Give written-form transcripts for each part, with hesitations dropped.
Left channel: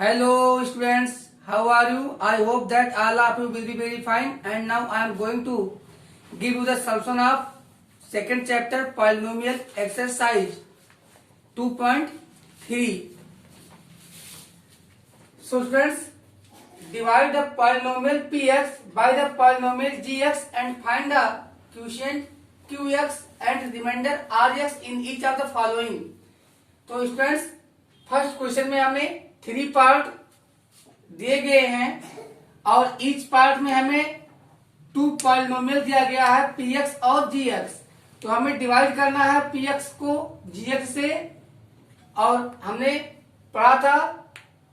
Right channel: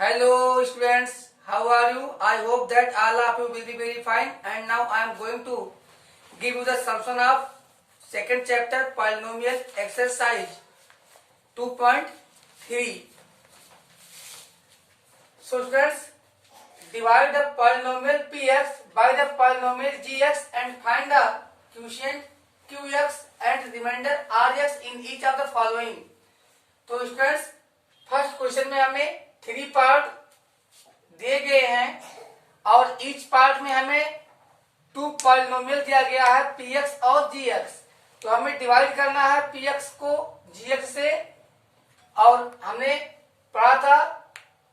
Hello students, how are you? I hope that all of you will be very fine. And now I am going to give you the solution of second chapter polynomial exercise 2.3. So students, divide the polynomial px by the polynomial gx and find the quotient qx and remainder rx in each of the following. तो students first question में हमें 3 part दिए गए हैं और each part में हमें 2 polynomial दिया गया है px और gx। तो हमें डिवाइड करना है px को gx से। और हमने पढ़ा था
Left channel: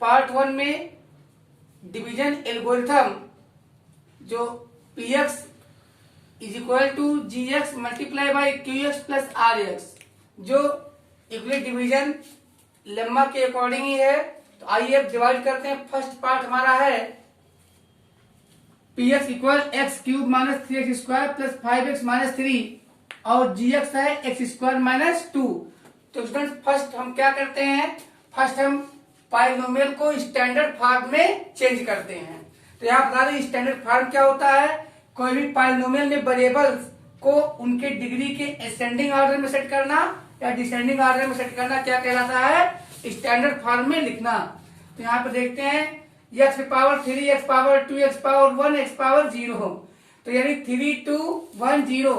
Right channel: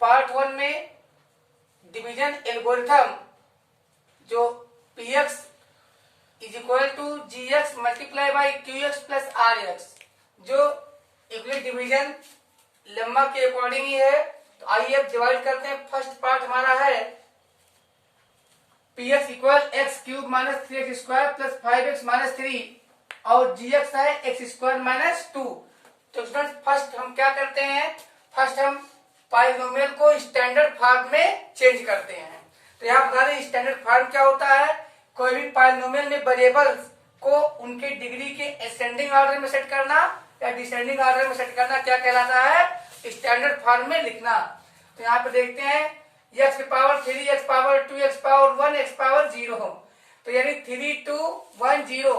पार्ट 1 में डिवीजन एल्गोरिथम, जो px is equal to gx multiply by qx plus rx, जो यूक्लिड डिवीजन लेम्मा के अकॉर्डिंग ही है। तो आइए अब डिवाइड करते हैं। फर्स्ट पार्ट हमारा है px equal x cube minus 3x square plus 5x minus 3 और gx है एक्स स्क्वायर माइनस 2। तो स्टूडेंट फर्स्ट हम क्या करते हैं, फर्स्ट हम पॉलिनोमियल को स्टैंडर्ड फॉर्म में चेंज करते हैं। तो यहाँ बता दें स्टैंडर्ड फॉर्म क्या होता है। कोई भी पॉलिनोमियल में वेरिएबल्स को उनके डिग्री के असेंडिंग ऑर्डर में सेट करना या डिसेंडिंग ऑर्डर में सेट करना क्या कहलाता है, स्टैंडर्ड फॉर्म में लिखना। तो यहाँ पे देखते हैं x power 3, x power 2, x power 1, x power 0। तो यानी 3, 2, 1, 0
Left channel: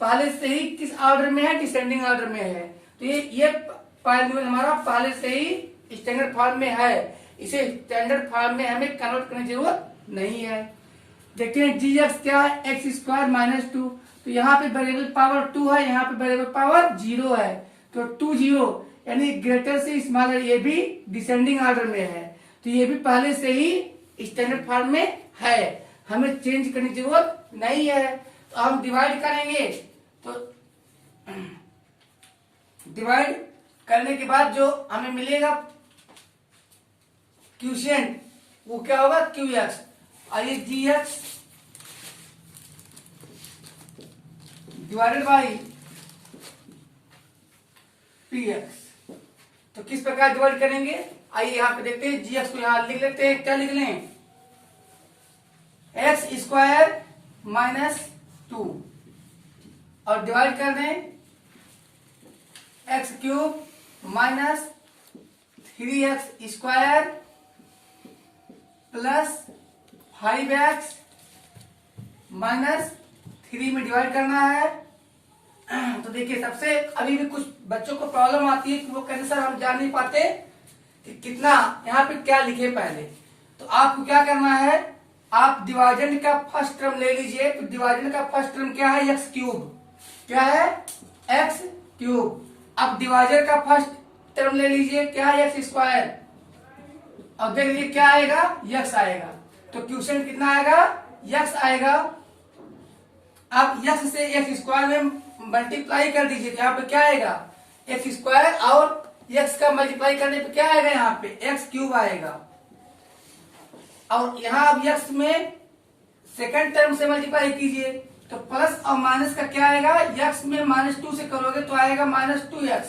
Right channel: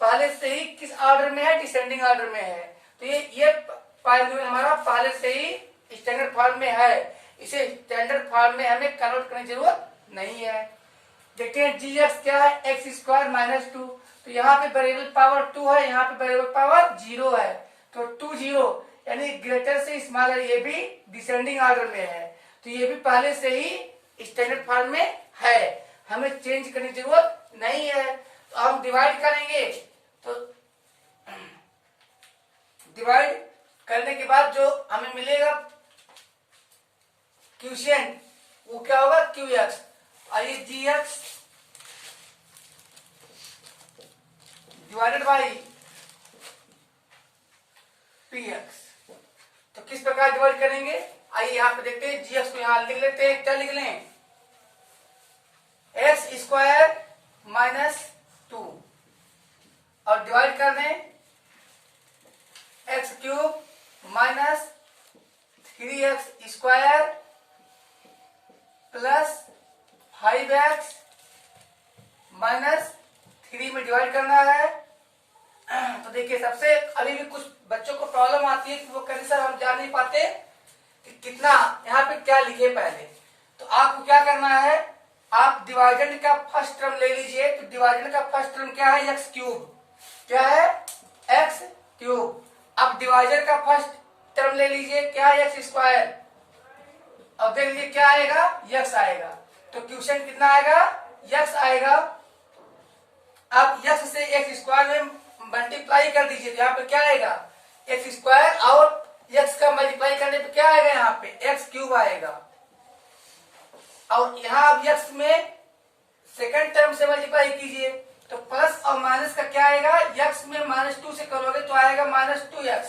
पहले से ही किस ऑर्डर में है, डिसेंडिंग ऑर्डर में है। तो ये पॉलिनोमियल हमारा पहले से ही स्टैंडर्ड फॉर्म में है। इसे स्टैंडर्ड फॉर्म में हमें कन्वर्ट करने की जरूरत नहीं है। देखते हैं gx क्या है, एक्स स्क्वायर माइनस 2। तो यहाँ पे वेरिएबल पावर 2 है, यहाँ पे वेरिएबल पावर 0 है। तो 2 0 यानी ग्रेटर से स्मॉलर, ये भी डिसेंडिंग ऑर्डर में है। तो ये भी पहले से ही स्टैंडर्ड फॉर्म में है, हमें चेंज करने की जरूरत नहीं है। तो हम डिवाइड करेंगे। तो डिवाइड करने के बाद जो हमें मिलेगा क्वोशिएंट, वो क्या होगा, qx। आइए gx डिवाइडेड बाई px। तो किस प्रकार डिवाइड करेंगे, आइए यहाँ पे देखते हैं। gx को यहाँ लिख लेते हैं। क्या लिख लें, एक्स स्क्वायर माइनस 2 और डिवाइड कर दें x cube minus 3x square plus 5x minus 3 में डिवाइड करना है। तो देखिए सबसे अभी भी कुछ बच्चों को प्रॉब्लम आती है कि वो कहते सर हम जान नहीं पाते कि कितना यहाँ पे क्या लिखे पहले। तो आपको क्या करना है, आप डिवाइडेंड का फर्स्ट टर्म ले लीजिए। तो डिवाइडेंड का फर्स्ट टर्म क्या है, एक्स क्यूब। क्या है, एक्स क्यूब। अब डिवाइडर का फर्स्ट टर्म ले लीजिए, क्या है, एक्स स्क्वायर। अब देख लीजिए क्या आएगा, यक्स आएगा। तो क्वोशिएंट कितना आएगा, यक्स आएगा। अब यक्स से एक्स स्क्वायर में मल्टीप्लाई कर दीजिए। तो यहाँ पे क्या आएगा, एक्स स्क्वायर और एक्स का मल्टीप्लाई करने पे क्या आएगा, यहाँ पे एक्स क्यूब आएगा। और यहाँ अब एक्स में सेकंड टर्म से मल्टीप्लाई कीजिए। तो प्लस और माइनस का क्या आएगा, एक्स में -2 से करोगे तो आएगा -2x।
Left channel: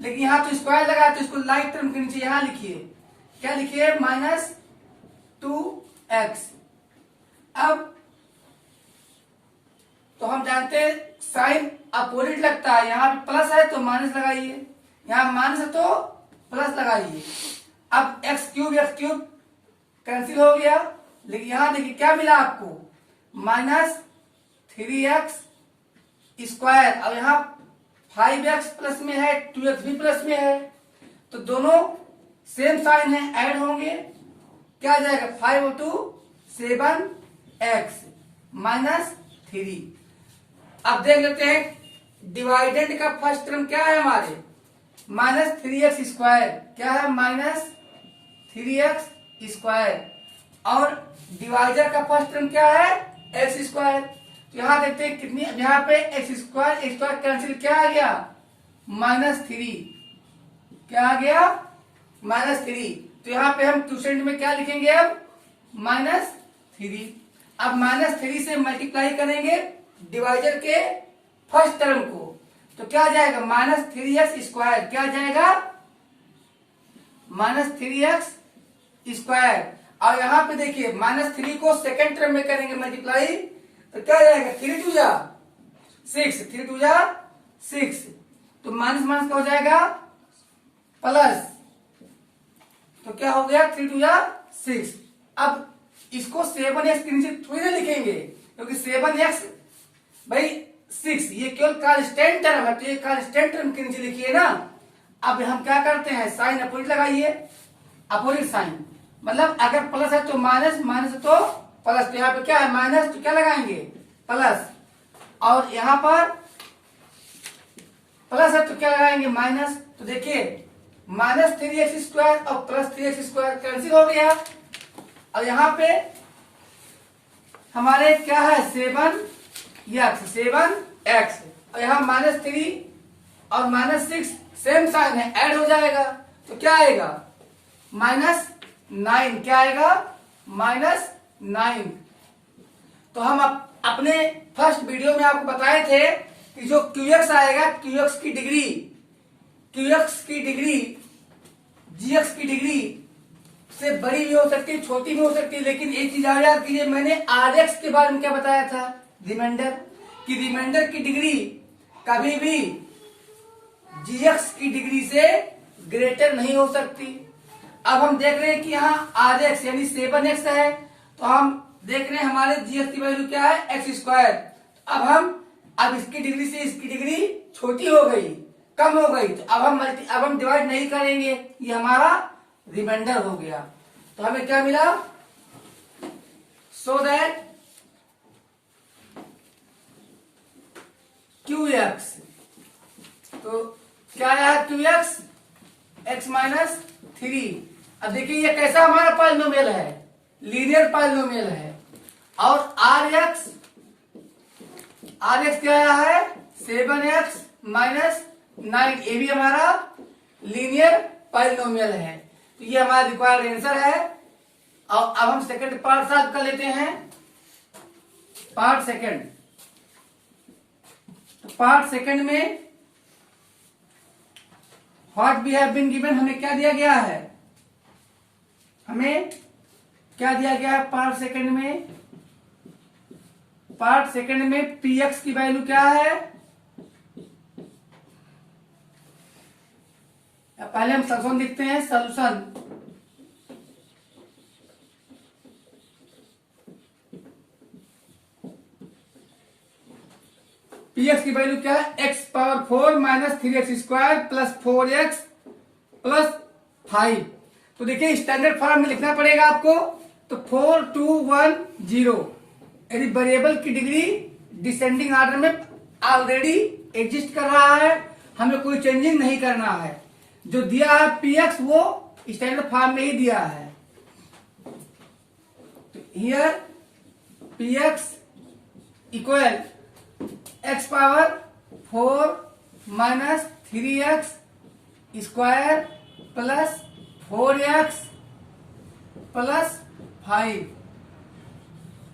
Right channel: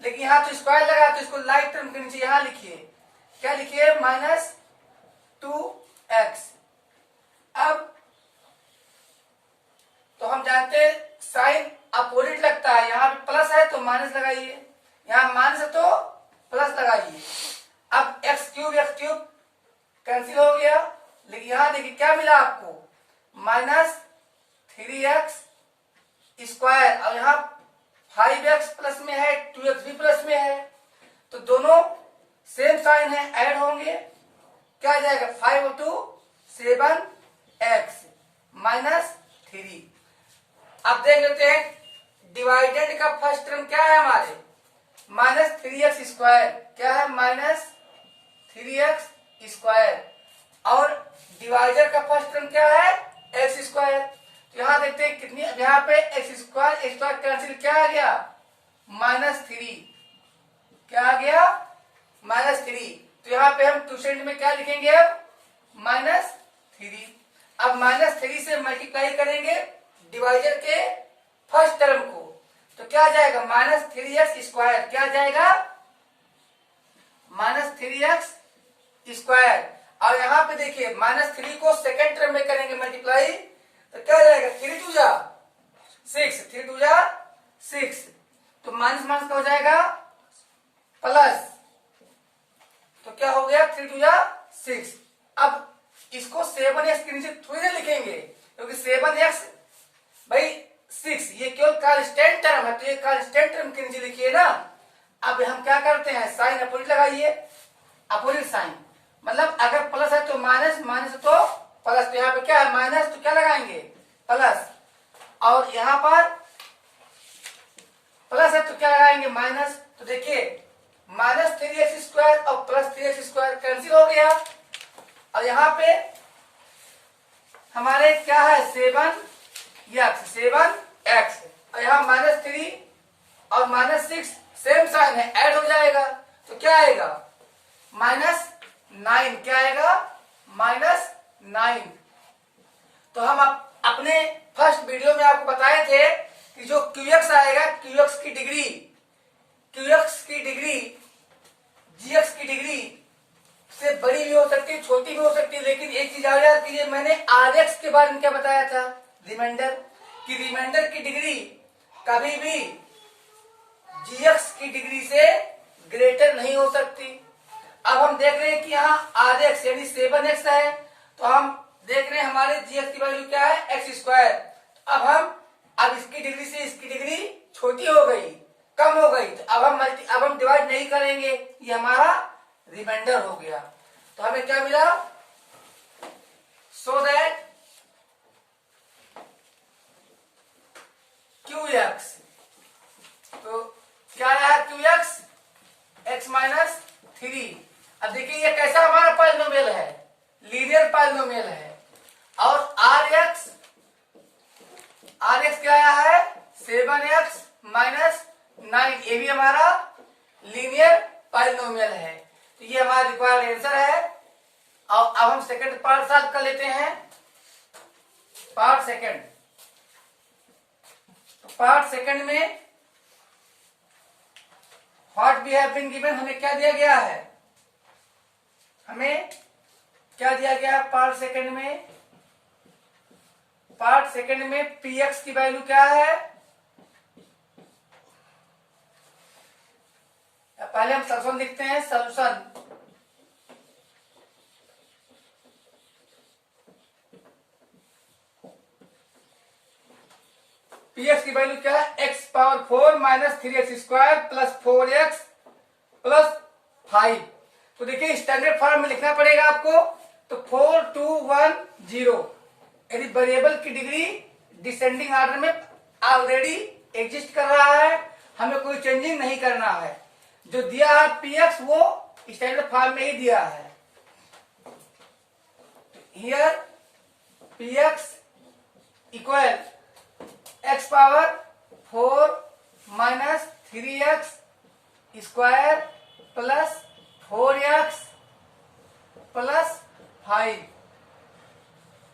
लेकिन यहाँ तो स्क्वायर लगा तो इसको लाइक टर्म के नीचे यहाँ लिखिए। क्या लिखिए, -2x। अब तो हम जानते हैं साइन अपोजिट लगता है, यहाँ पे प्लस है तो माइनस लगाइए, यहाँ माइनस है तो प्लस लगाइए। अब एक्स क्यूब कैंसिल हो गया। लेकिन यहाँ देखिए क्या मिला आपको, -3x स्क्वायर और यहाँ 5x प्लस में है, 2x भी प्लस में है। तो दोनों सेम साइन है, ऐड होंगे। क्या आ जाएगा, 5 × 2 7x माइनस 3। अब देख लेते हैं डिवाइडेंड का फर्स्ट टर्म क्या है हमारे, -3x स्क्वायर। क्या है, -3x स्क्वायर। और डिवाइडर का फर्स्ट टर्म क्या है, एक्स स्क्वायर। तो यहाँ देखते हैं कितनी, यहाँ पे एक्स स्क्वायर कैंसिल, क्या आ गया, -3। क्या आ गया, -3। तो यहाँ पे हम क्वोशिएंट में क्या लिखेंगे, अब -3। अब -3 से मल्टीप्लाई करेंगे डिवाइडर के फर्स्ट टर्म को। तो क्या आ जाएगा, -3x स्क्वायर। क्या आ जाएगा, -3x स्क्वायर, और यहाँ पे देखिए -3 को सेकेंड टर्म में करेंगे मल्टीप्लाई, तो क्या जाएगा 3 2 जा 6, 3 2 जा 6, तो माइनस माइनस का हो जाएगा प्लस, तो क्या हो गया 3 2 जा 6। अब इसको 7x के नीचे थोड़ी ना लिखेंगे, क्योंकि 7x भाई 6 ये केवल कांस्टेंट टर्म है, तो ये कांस्टेंट टर्म के नीचे लिखिए ना। अब हम क्या करते हैं, साइन अपोजिट लगाइए, अपोजिट साइन, मतलब अगर प्लस है तो माइनस, माइनस है तो प्लस, तो यहाँ पे क्या है माइनस, तो क्या लगाएंगे प्लस, और यहाँ पर प्लस है तो क्या लगाएंगे माइनस, तो देखिए -3x² और +3x² कैंसिल हो गया, और यहाँ पे हमारे क्या है 7x, और यहाँ -3 और -6 सेम साइन है, ऐड हो जाएगा, तो क्या आएगा -9, क्या आएगा -9। तो हम अपने फर्स्ट वीडियो में आपको बताए थे कि जो QX आएगा, QX की डिग्री GX की डिग्री से बड़ी भी हो सकती है, छोटी भी हो सकती है, लेकिन एक चीज याद कीजिए, मैंने RX के बारे में क्या बताया था, रिमाइंडर की डिग्री कभी भी GX की डिग्री से ग्रेटर नहीं हो सकती। अब हम देख रहे हैं कि यहाँ RX यानी 7x है, तो हम देख रहे हैं हमारे GX की वैल्यू क्या है x², अब इसकी डिग्री से इसकी डिग्री छोटी हो गई, कम हो गई, तो अब हम डिवाइड नहीं करेंगे, ये हमारा रिमाइंडर हो गया। तो हमें क्या मिला, सो दैट QX, तो क्या है QX x-3। अब देखिए ये कैसा हमारा पॉलिनोमियल है, लीनियर पॉलिनोमियल है, और RX क्या आया है 7x - 9, ये भी हमारा लीनियर पॉलिनोमियल है, तो ये हमारा रिक्वायर्ड आंसर है। और अब हम सेकंड पार्ट सॉल्व कर लेते हैं, पार्ट सेकंड में what we have been given, हमें क्या दिया गया है, हमें क्या दिया गया है पार्ट सेकंड में px की वैल्यू क्या है, पहले हम सॉल्यूशन लिखते हैं, सॉल्यूशन px की वैल्यू क्या है, x⁴ - 3x² + 4x + 5। तो देखिए स्टैंडर्ड फॉर्म में लिखना पड़ेगा आपको, तो 4 2 1 0, यदि वेरिएबल की डिग्री डिसेंडिंग ऑर्डर में ऑलरेडी एग्जिस्ट कर रहा है, हमें कोई चेंजिंग नहीं करना है, जो दिया है px वो स्टैंडर्ड फॉर्म में ही दिया है। तो here px equal x⁴ - 3x² + 4x + 5।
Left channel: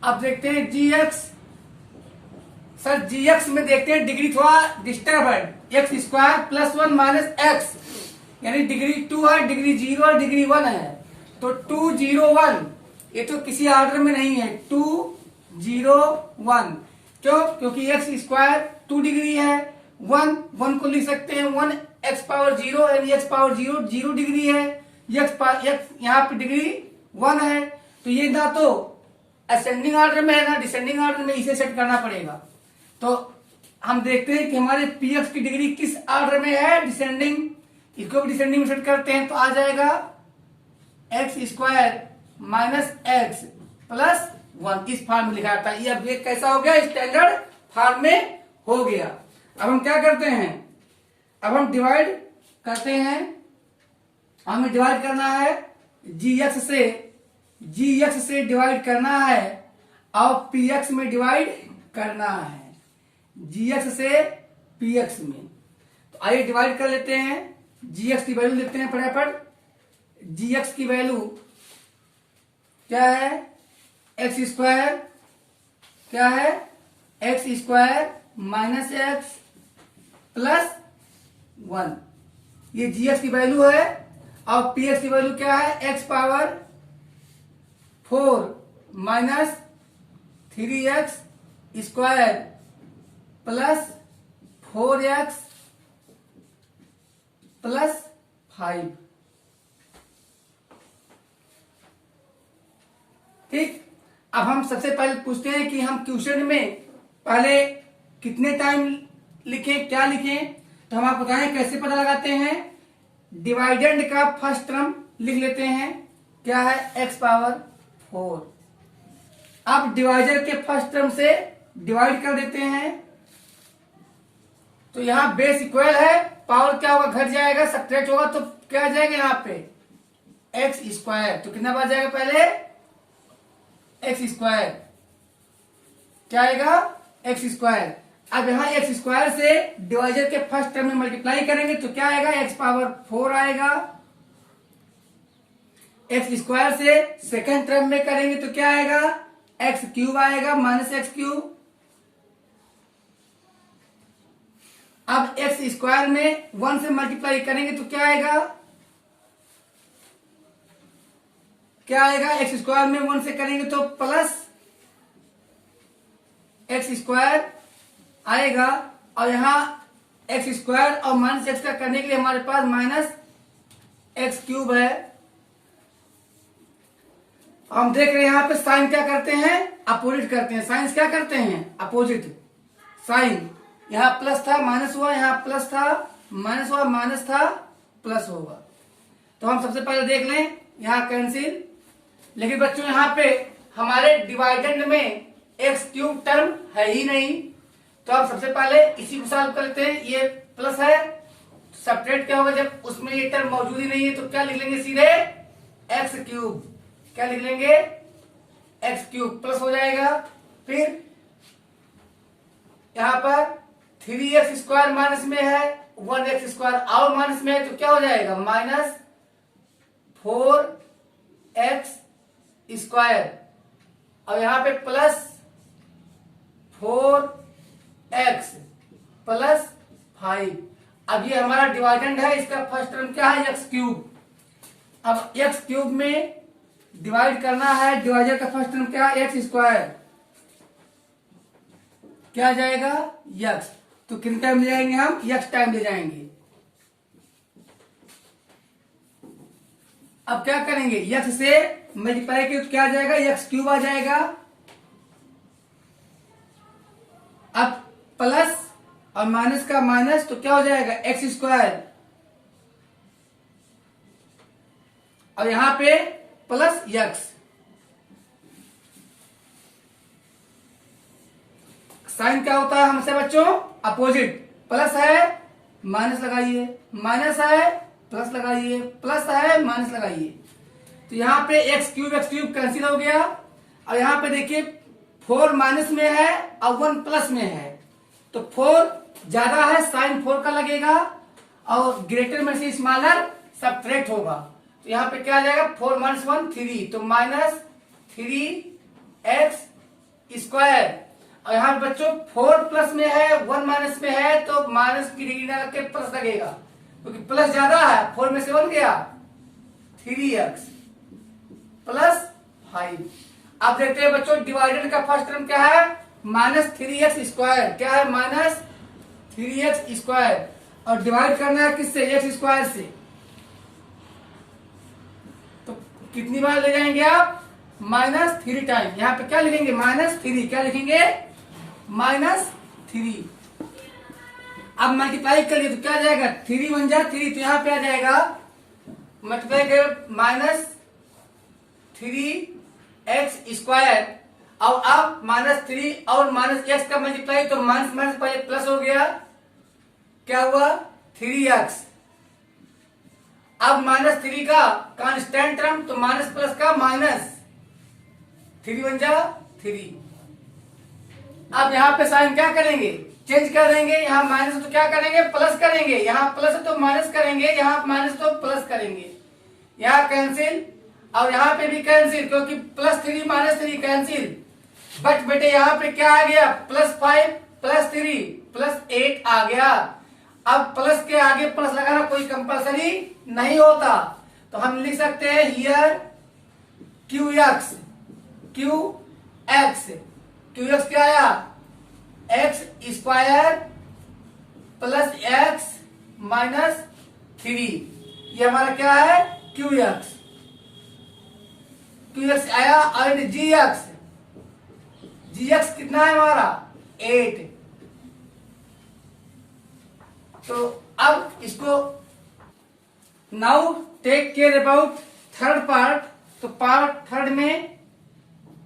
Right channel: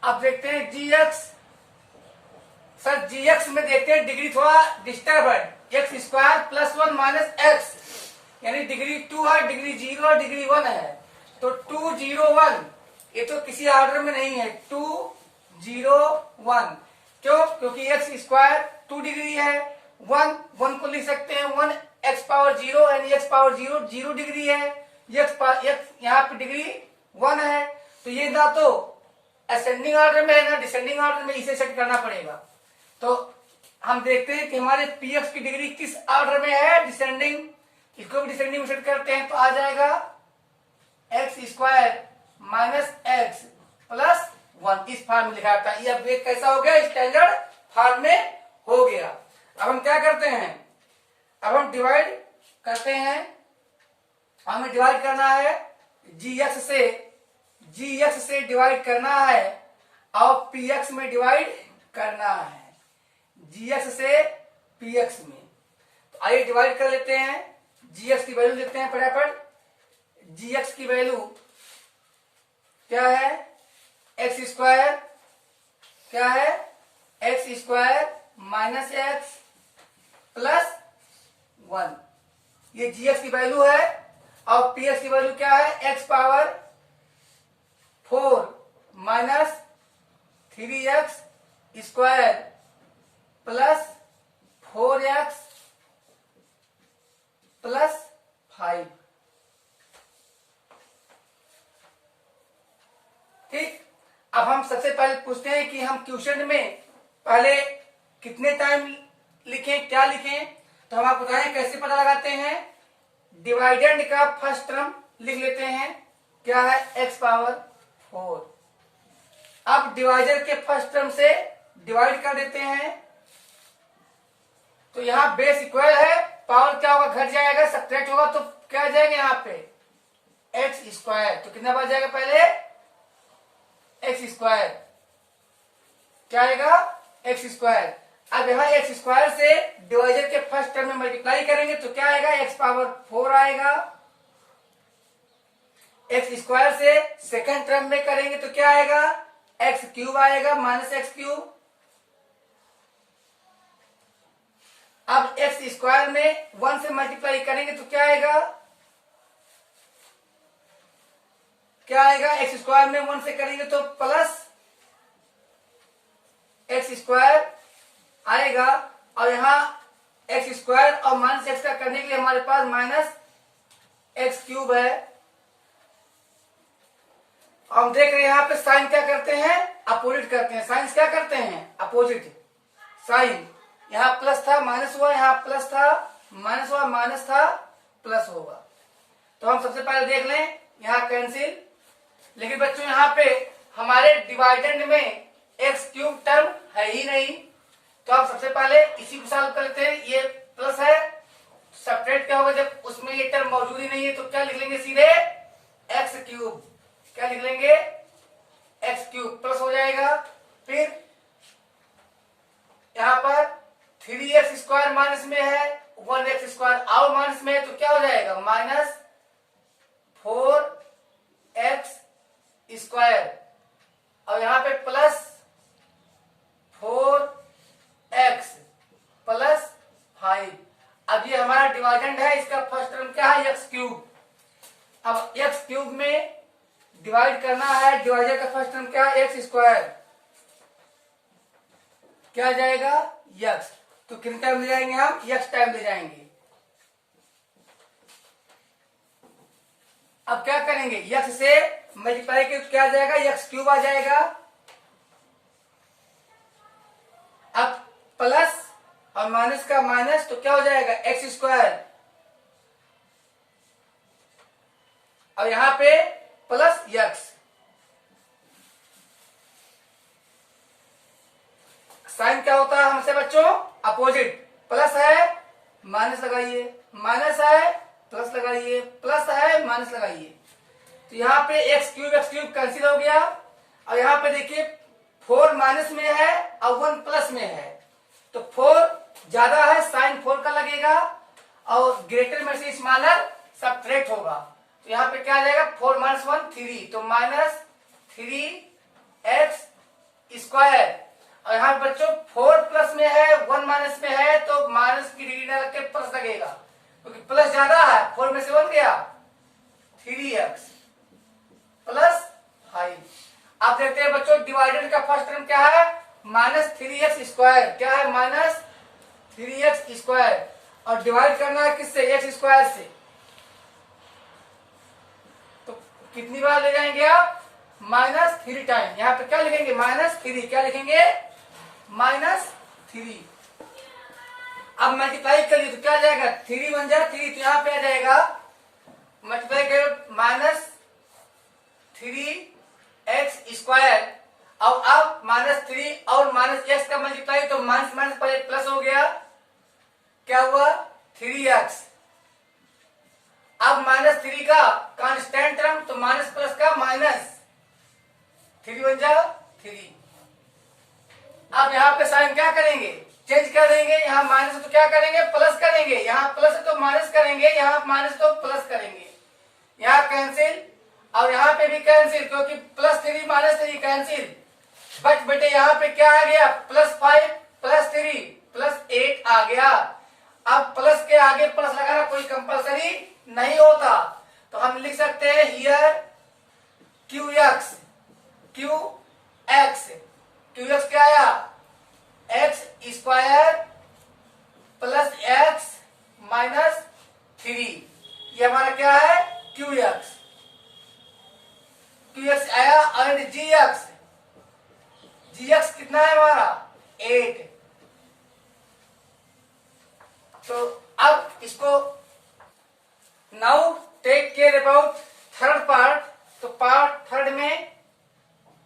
अब देखते हैं GX, सर GX में देखते हैं डिग्री थोड़ा डिस्टर्ब है, x² + 1 - x, यानी डिग्री 2 है, डिग्री 0 और डिग्री 1 है, तो 2 0 1, ये तो किसी ऑर्डर में नहीं है, 2 0 1, क्यों, क्योंकि x² 2 डिग्री है, 1 को लिख सकते हैं 1x⁴ यानी x⁴ 0 डिग्री है, x यहाँ पे डिग्री 1 है, तो ये ना तो असेंडिंग ऑर्डर में है ना डिसेंडिंग ऑर्डर में, इसे सेट करना पड़ेगा। तो हम देखते हैं कि हमारे px की डिग्री किस ऑर्डर में है, डिसेंडिंग, इसको भी डिसेंडिंग में सेट करते हैं, तो आ जाएगा x² - x + 1, इस फॉर्म में लिखा था। ये अब कैसा हो गया, स्टैंडर्ड फॉर्म में हो गया। अब हम क्या करते हैं, अब हम डिवाइड करते हैं, हमें डिवाइड करना है GX से डिवाइड करना है, और PX में डिवाइड करना है, GX से PX में। तो आइए डिवाइड कर लेते हैं, GX की वैल्यू लिखते हैं फटाफट। GX की वैल्यू क्या है, x² क्या है, x² - x + 1, ये GX की वैल्यू है, और PX की वैल्यू क्या है, x⁴ 4 minus 3x square plus 4x plus 5। ठीक, अब हम सबसे पहले पूछते हैं कि हम क्वेश्चन में पहले कितने टाइम लिखें, क्या लिखें। तो हम आपको बताएं कैसे पता लगाते हैं। डिवाइडेंड का फर्स्ट टर्म लिख लेते हैं, क्या है x पावर 4। अब डिवाइडर के फर्स्ट टर्म से डिवाइड कर देते हैं, तो यहां बेस इक्वल है, पावर क्या होगा, घट जाएगा, सब्ट्रैक्ट होगा, तो क्या आ जाएगा यहाँ पे एक्स स्क्वायर। तो कितना बार जाएगा, पहले एक्स स्क्वायर, क्या आएगा एक्स स्क्वायर। अब यहाँ एक्स स्क्वायर से डिवाइजर के फर्स्ट टर्म में मल्टीप्लाई करेंगे तो क्या आएगा, एक्स पावर 4 आएगा। एक्स स्क्वायर से सेकंड टर्म में करेंगे तो क्या आएगा, एक्स क्यूब आएगा, माइनस एक्स क्यूब। अब एक्स स्क्वायर में 1 से मल्टीप्लाई करेंगे तो क्या आएगा, एक्स स्क्वायर में 1 से करेंगे तो प्लस एक्स स्क्वायर आएगा। और यहां एक्स स्क्वायर और माइनस एक्स का करने के लिए हमारे पास माइनस एक्स क्यूब है। हम देख रहे हैं यहां पे साइन क्या करते हैं, अपोजिट करते हैं। साइन क्या करते हैं, अपोजिट। साइन यहां प्लस था माइनस हुआ, यहां प्लस था माइनस हुआ, माइनस था प्लस होगा। तो हम सबसे पहले देख लें, यहां कैंसिल। लेकिन बच्चों यहां पे हमारे डिवाइडेंड में एक्स क्यूब टर्म है ही नहीं, तो हम सबसे पहले इसी को सॉल्व करते हैं। ये प्लस है, सब्ट्रैक्ट क्या होगा, जब उसमें ये टर्म मौजूद ही नहीं है तो क्या लिख लेंगे, सीधे एक्स क्यूब। क्या लिख लेंगे, एक्स क्यूब, प्लस हो जाएगा। फिर यहां पर 3x स्क्वायर माइनस में है, 1x स्क्वायर और माइनस में है, तो क्या हो जाएगा, माइनस 4x स्क्वायर। और यहां पे प्लस 4x प्लस 5। अब ये हमारा डिवाइडेंड है, इसका फर्स्ट टर्म क्या है, एक्स क्यूब। अब एक्स क्यूब में डिवाइड करना है, डिवाइडर का फर्स्ट टर्म क्या है, एक्स स्क्वायर, क्या आ जाएगा, यक्स। तो किन टाइम ले जाएंगे हम, यक्स टाइम ले जाएंगे। अब क्या करेंगे, यक्स से मल्टीप्लाई के क्या आ जाएगा, यक्स क्यूब आ जाएगा। अब प्लस और माइनस का माइनस, तो क्या हो जाएगा, एक्स स्क्वायर। और यहां पे प्लस यक्स। साइन क्या होता है हमसे बच्चों, अपोजिट। प्लस है माइनस लगाइए, माइनस है प्लस लगाइए, प्लस है माइनस लगाइए। तो यहाँ पे एक्स क्यूब कैंसिल हो गया। और यहाँ पे देखिए 4 माइनस में है और 1 प्लस में है, तो 4 ज्यादा है, साइन 4 का लगेगा, और ग्रेटर में से स्मॉलर सब्ट्रैक्ट होगा। तो यहाँ पे क्या आ जाएगा, 4 माइनस 1 3, तो माइनस 3x स्क्वायर। और यहाँ पे बच्चों 4 प्लस में है, 1 माइनस में है, तो माइनस की डिग्री ना लग के प्लस लगेगा, क्योंकि प्लस ज्यादा है, 4 में से 1 गया, 3x प्लस 5। अब देखते हैं बच्चों डिवाइडेड का फर्स्ट टर्म क्या है, माइनस 3x स्क्वायर, क्या है, माइनस 3x स्क्वायर। और डिवाइड करना है किससे, एक्स स्क्वायर से। तो कितनी बार ले जाएंगे आप, -3 टाइम। यहाँ पे क्या लिखेंगे, -3, क्या लिखेंगे, -3। अब मल्टीप्लाई करिए तो क्या आ जाएगा, 3 1 जा 3, तो यहाँ पे आ जाएगा मल्टीप्लाई करिए -3x स्क्वायर। और अब -3 और -x का मल्टीप्लाई, तो माइनस माइनस पहले प्लस हो गया, क्या हुआ, 3x। अब -3 का कांस्टेंट टर्म, तो माइनस प्लस का माइनस, 3 1 जा 3। अब यहाँ पे साइन क्या करेंगे, चेंज कर देंगे। यहाँ माइनस है तो क्या करेंगे, प्लस करेंगे। यहाँ प्लस है तो माइनस करेंगे, यहाँ माइनस तो प्लस करेंगे। यहाँ कैंसिल, और यहाँ पे भी कैंसिल, क्योंकि +3 -3 कैंसिल। बट बेटे यहाँ पे क्या आ गया, +5 +3 +8 आ गया। अब प्लस के आगे प्लस लगाना कोई कंपलसरी नहीं होता, तो हम लिख सकते हैं here QX Q x, Q x क्या आया, x square plus x minus 3, ये हमारा क्या है क्यू एक्स, क्यू एक्स आया। और जी एक्स, जी एक्स कितना है हमारा 8। तो अब इसको now take care about third part. तो पार्ट थर्ड में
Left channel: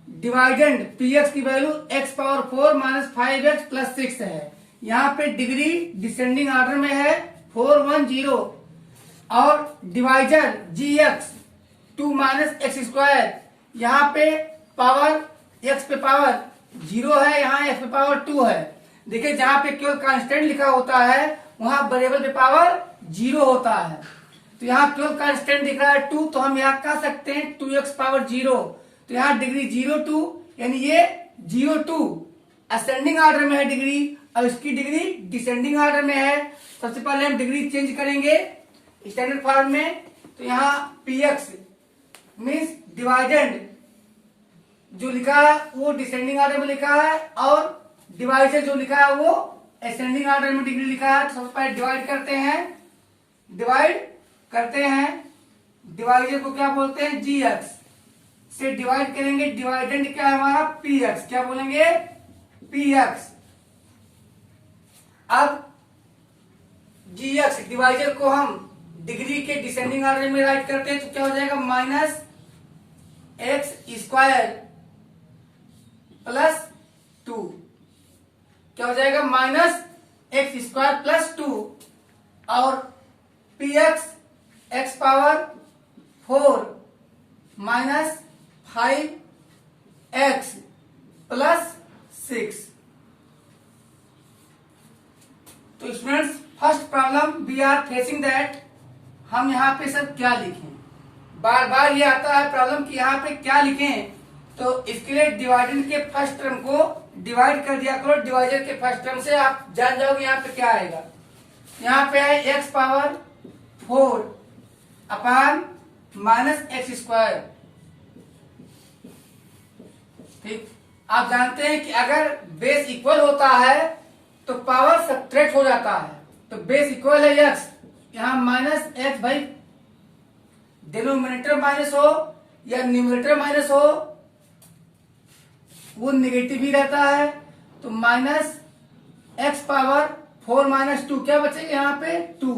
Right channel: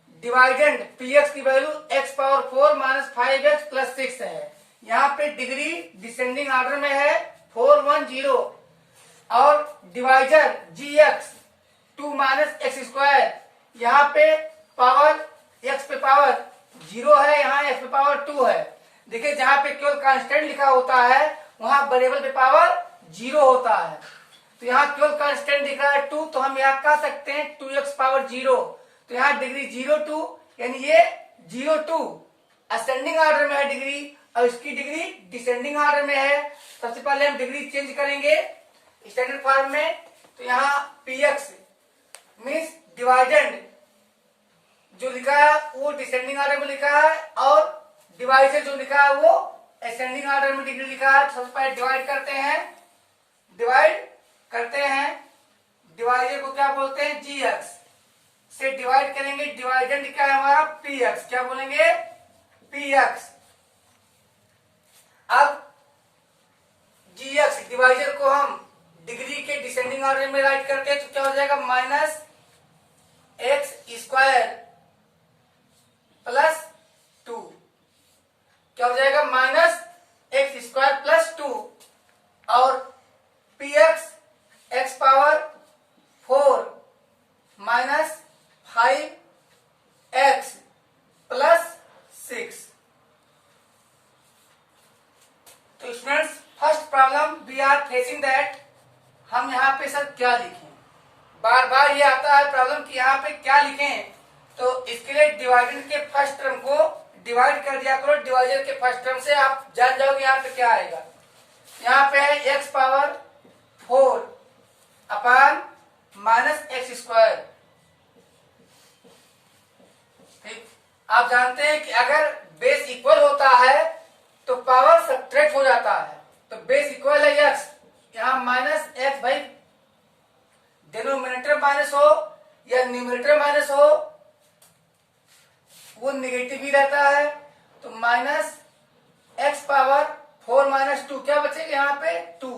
डिवाइडेंड पी एक्स की value X power 4 minus 5x plus 6 है। यहाँ पे डिग्री डिसेंडिंग ऑर्डर में है 4 1 0 और डिवाइजर जी एक्स 2 माइनस एक्स स्क्वायर, यहाँ पे पावर एक्स पे पावर 0 है, यहाँ एक्स पे पावर 2 है। देखिए जहां पे केवल कांस्टेंट लिखा होता है वहां वेरिएबल पे पावर 0 होता है। तो यहाँ केवल कांस्टेंट दिख रहा है 2, तो हम यहाँ कह सकते हैं 2x पावर 0। तो यहाँ डिग्री 0 2 यानी ये 0 2 असेंडिंग ऑर्डर में है डिग्री, और इसकी डिग्री डिसेंडिंग ऑर्डर में है। सबसे पहले हम डिग्री चेंज करेंगे स्टैंडर्ड फॉर्म में। तो यहाँ px मीन्स डिवाइडेंड जो लिखा है वो डिसेंडिंग ऑर्डर में लिखा है, और डिवाइजर जो लिखा है वो असेंडिंग ऑर्डर में डिग्री लिखा है। तो सबसे पहले डिवाइड करते हैं, डिवाइजर को क्या बोलते हैं जी एक्स से डिवाइड करेंगे। डिवाइडेंड क्या है हमारा पी एक्स, क्या बोलेंगे पी एक्स। अब जी एक्स डिवाइजर को हम डिग्री के डिसेंडिंग ऑर्डर में राइट करते हैं, तो क्या हो जाएगा माइनस एक्स स्क्वायर प्लस 2, क्या हो जाएगा माइनस एक्स स्क्वायर प्लस 2, और P X X power 4 minus 5x plus 6। तो students first problem we are facing that, हम यहाँ पे सर क्या लिखें, बार बार ये आता है प्रॉब्लम कि यहाँ पे क्या लिखें। तो इसके लिए डिवाइडेंड के फर्स्ट टर्म को डिवाइड कर दिया करो डिवाइजर के फर्स्ट टर्म से, आप जान जाओगे यहाँ पे क्या आएगा। यहाँ पे है x power 4 upon minus x square. ठीक, आप जानते हैं कि अगर बेस इक्वल होता है तो पावर सब्ट्रैक्ट हो जाता है। तो बेस इक्वल है एक्स, यहाँ माइनस एक्स, भाई डिनोमिनेटर माइनस हो या न्यूमरेटर माइनस हो वो निगेटिव ही रहता है। तो माइनस एक्स पावर 4 माइनस 2, क्या बचेगा यहाँ पे 2।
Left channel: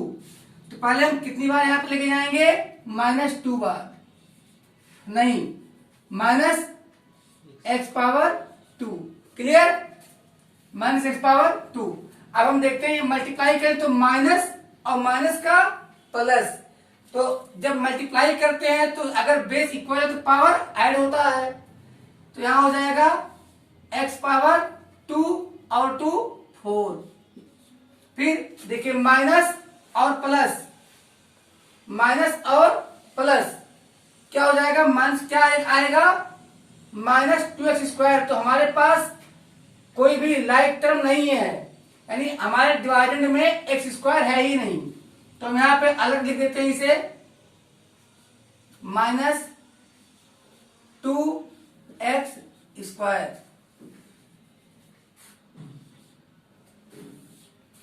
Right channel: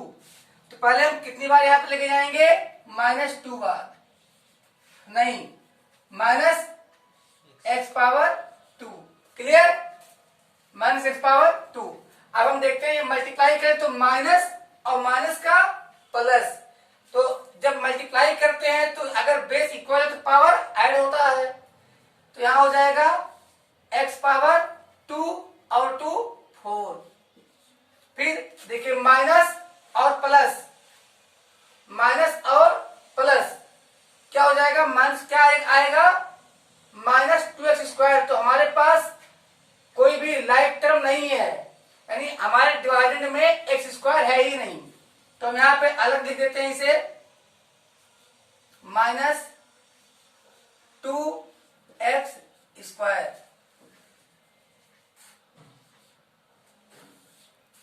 तो पहले हम कितनी बार यहाँ पे लेके जाएंगे -2 बार, नहीं minus x power 2, clear, minus x power 2। अब हम देखते हैं मल्टीप्लाई करें तो माइनस और माइनस का प्लस, तो जब मल्टीप्लाई करते हैं तो अगर बेस इक्वल है तो पावर ऐड होता है। तो यहां हो जाएगा एक्स पावर 2 और 2 4। फिर देखिए माइनस और प्लस, माइनस और प्लस क्या हो जाएगा, माइनस क्या आएगा -2x स्क्वायर। तो हमारे पास कोई भी लाइक टर्म नहीं है, यानी हमारे डिवाइडेंड में एक्स स्क्वायर है ही नहीं। तो हम यहां पे अलग लिख देते हैं इसे, -2x स्क्वायर।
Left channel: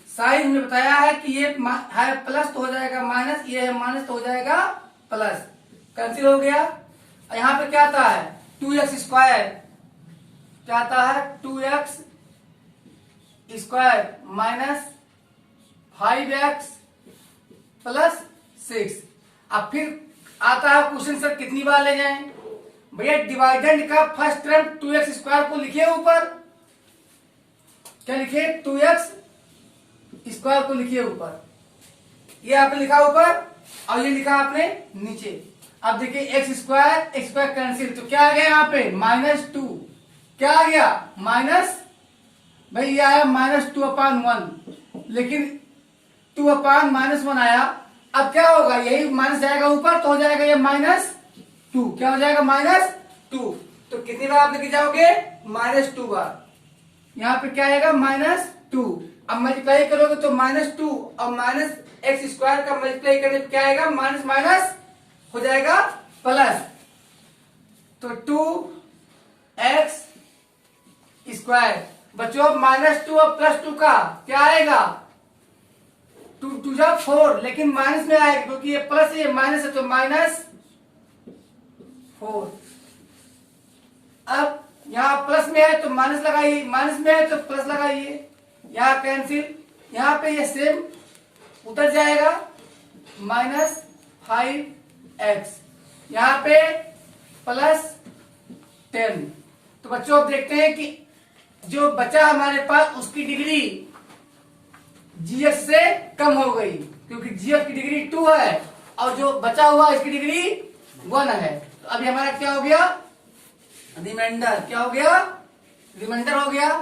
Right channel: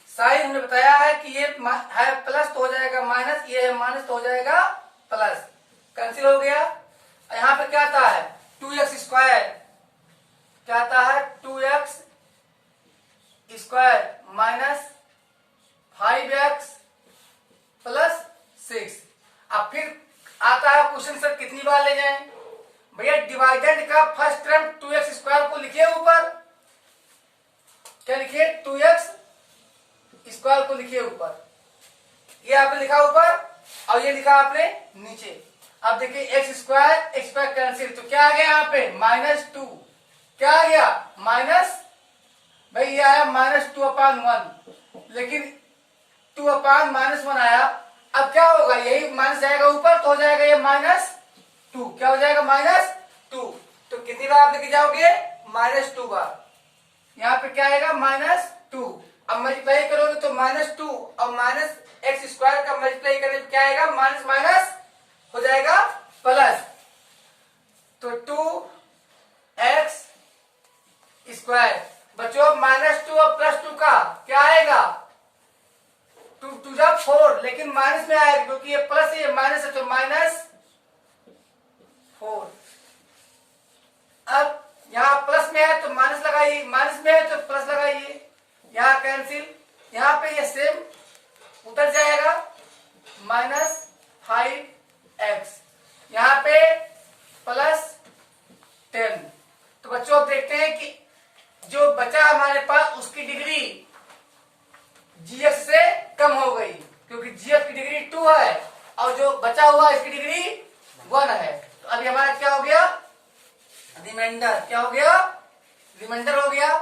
साइन हमने बताया है कि ये है प्लस तो हो जाएगा माइनस, ये है माइनस तो हो जाएगा प्लस, कैंसिल हो गया। और यहां पे क्या आता है 2x स्क्वायर, क्या आता है 2x square minus 5x plus 6। अब फिर आता है क्वेश्चन सर कितनी बार ले जाएं, भैया डिवाइडेंड का फर्स्ट टर्म 2x स्क्वायर को लिखिए ऊपर, क्या लिखिए 2x स्क्वायर को लिखिए ऊपर, ये आपने लिखा ऊपर और ये लिखा आपने नीचे। अब देखिए एक्स स्क्वायर कैंसिल, तो क्या आ गया यहाँ पे -2, क्या आ गया माइनस, भाई ये आया -2/1, लेकिन 2/-1 आया। अब क्या होगा, यही माइनस जाएगा ऊपर तो हो जाएगा ये -2, क्या हो जाएगा -2। तो कितनी बार आप लेके जाओगे -2 बार, यहाँ पे क्या आएगा -2। अब मल्टीप्लाई करोगे तो -2 और माइनस एक्स स्क्वायर का मल्टीप्लाई करने पे क्या आएगा, माइनस माइनस हो जाएगा प्लस। तो 2 स्क्वायर। बच्चों -2 और +2 का क्या आएगा, 2 2 जा 4, लेकिन माइनस में आएगा क्योंकि ये प्लस है ये माइनस है, तो -4। अब यहाँ प्लस में है तो माइनस लगाइए, माइनस में है तो प्लस लगाइए, यहाँ कैंसिल, यहाँ पे ये सेम उतर जाएगा, -5x, यहाँ पे +10। तो बच्चों अब देखते हैं कि जो बचा हमारे पास उसकी डिग्री gx से कम हो गई, क्योंकि gx की डिग्री 2 है और जो बचा हुआ इसकी डिग्री 1 है। तो अभी हमारा क्या हो गया, रिमाइंडर, क्या हो गया, रिमाइंडर हो गया।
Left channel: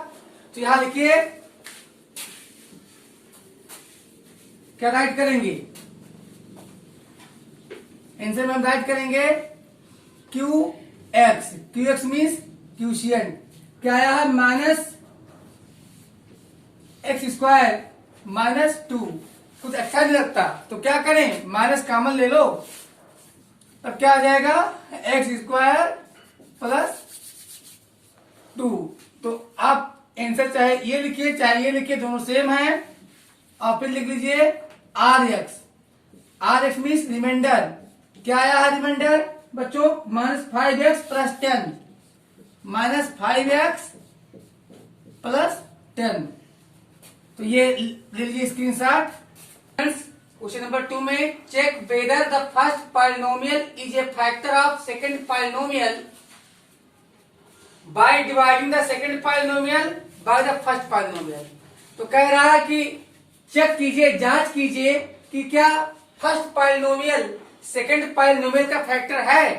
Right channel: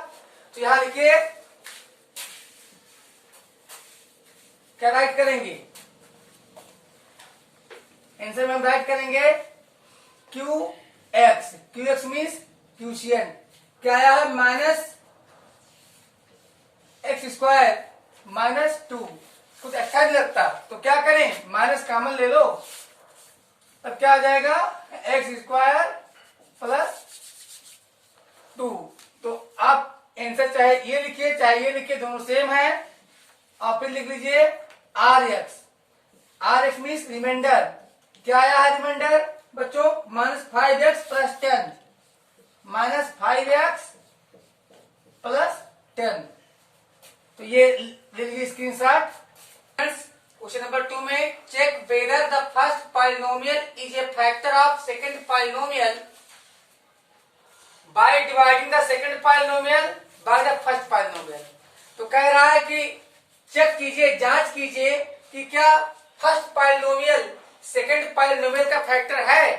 तो यहां लिखिए, क्या राइट करेंगे, आंसर में हम राइट करेंगे QX, QX मीन्स क्यूशियंट, क्या आया है, -x² -2, कुछ अच्छा नहीं लगता तो क्या करें, माइनस कॉमन ले लो, तब क्या आ जाएगा, x² +2। तो आप आंसर चाहे ये लिखिए चाहे ये लिखिए, दोनों सेम है। और फिर लिख लीजिए RX, RX मीन्स रिमाइंडर, क्या आया है रिमाइंडर बच्चों, -5x + 10, -5x + 10। तो ये ले लीजिए स्क्रीनशॉट। क्वेश्चन नंबर 2 में check whether the first polynomial is a factor of second polynomial by dividing the second polynomial by the first polynomial. तो कह रहा है कि चेक कीजिए, जांच कीजिए कि क्या फर्स्ट पॉलिनोमियल सेकंड पॉलिनोमियल का फैक्टर है।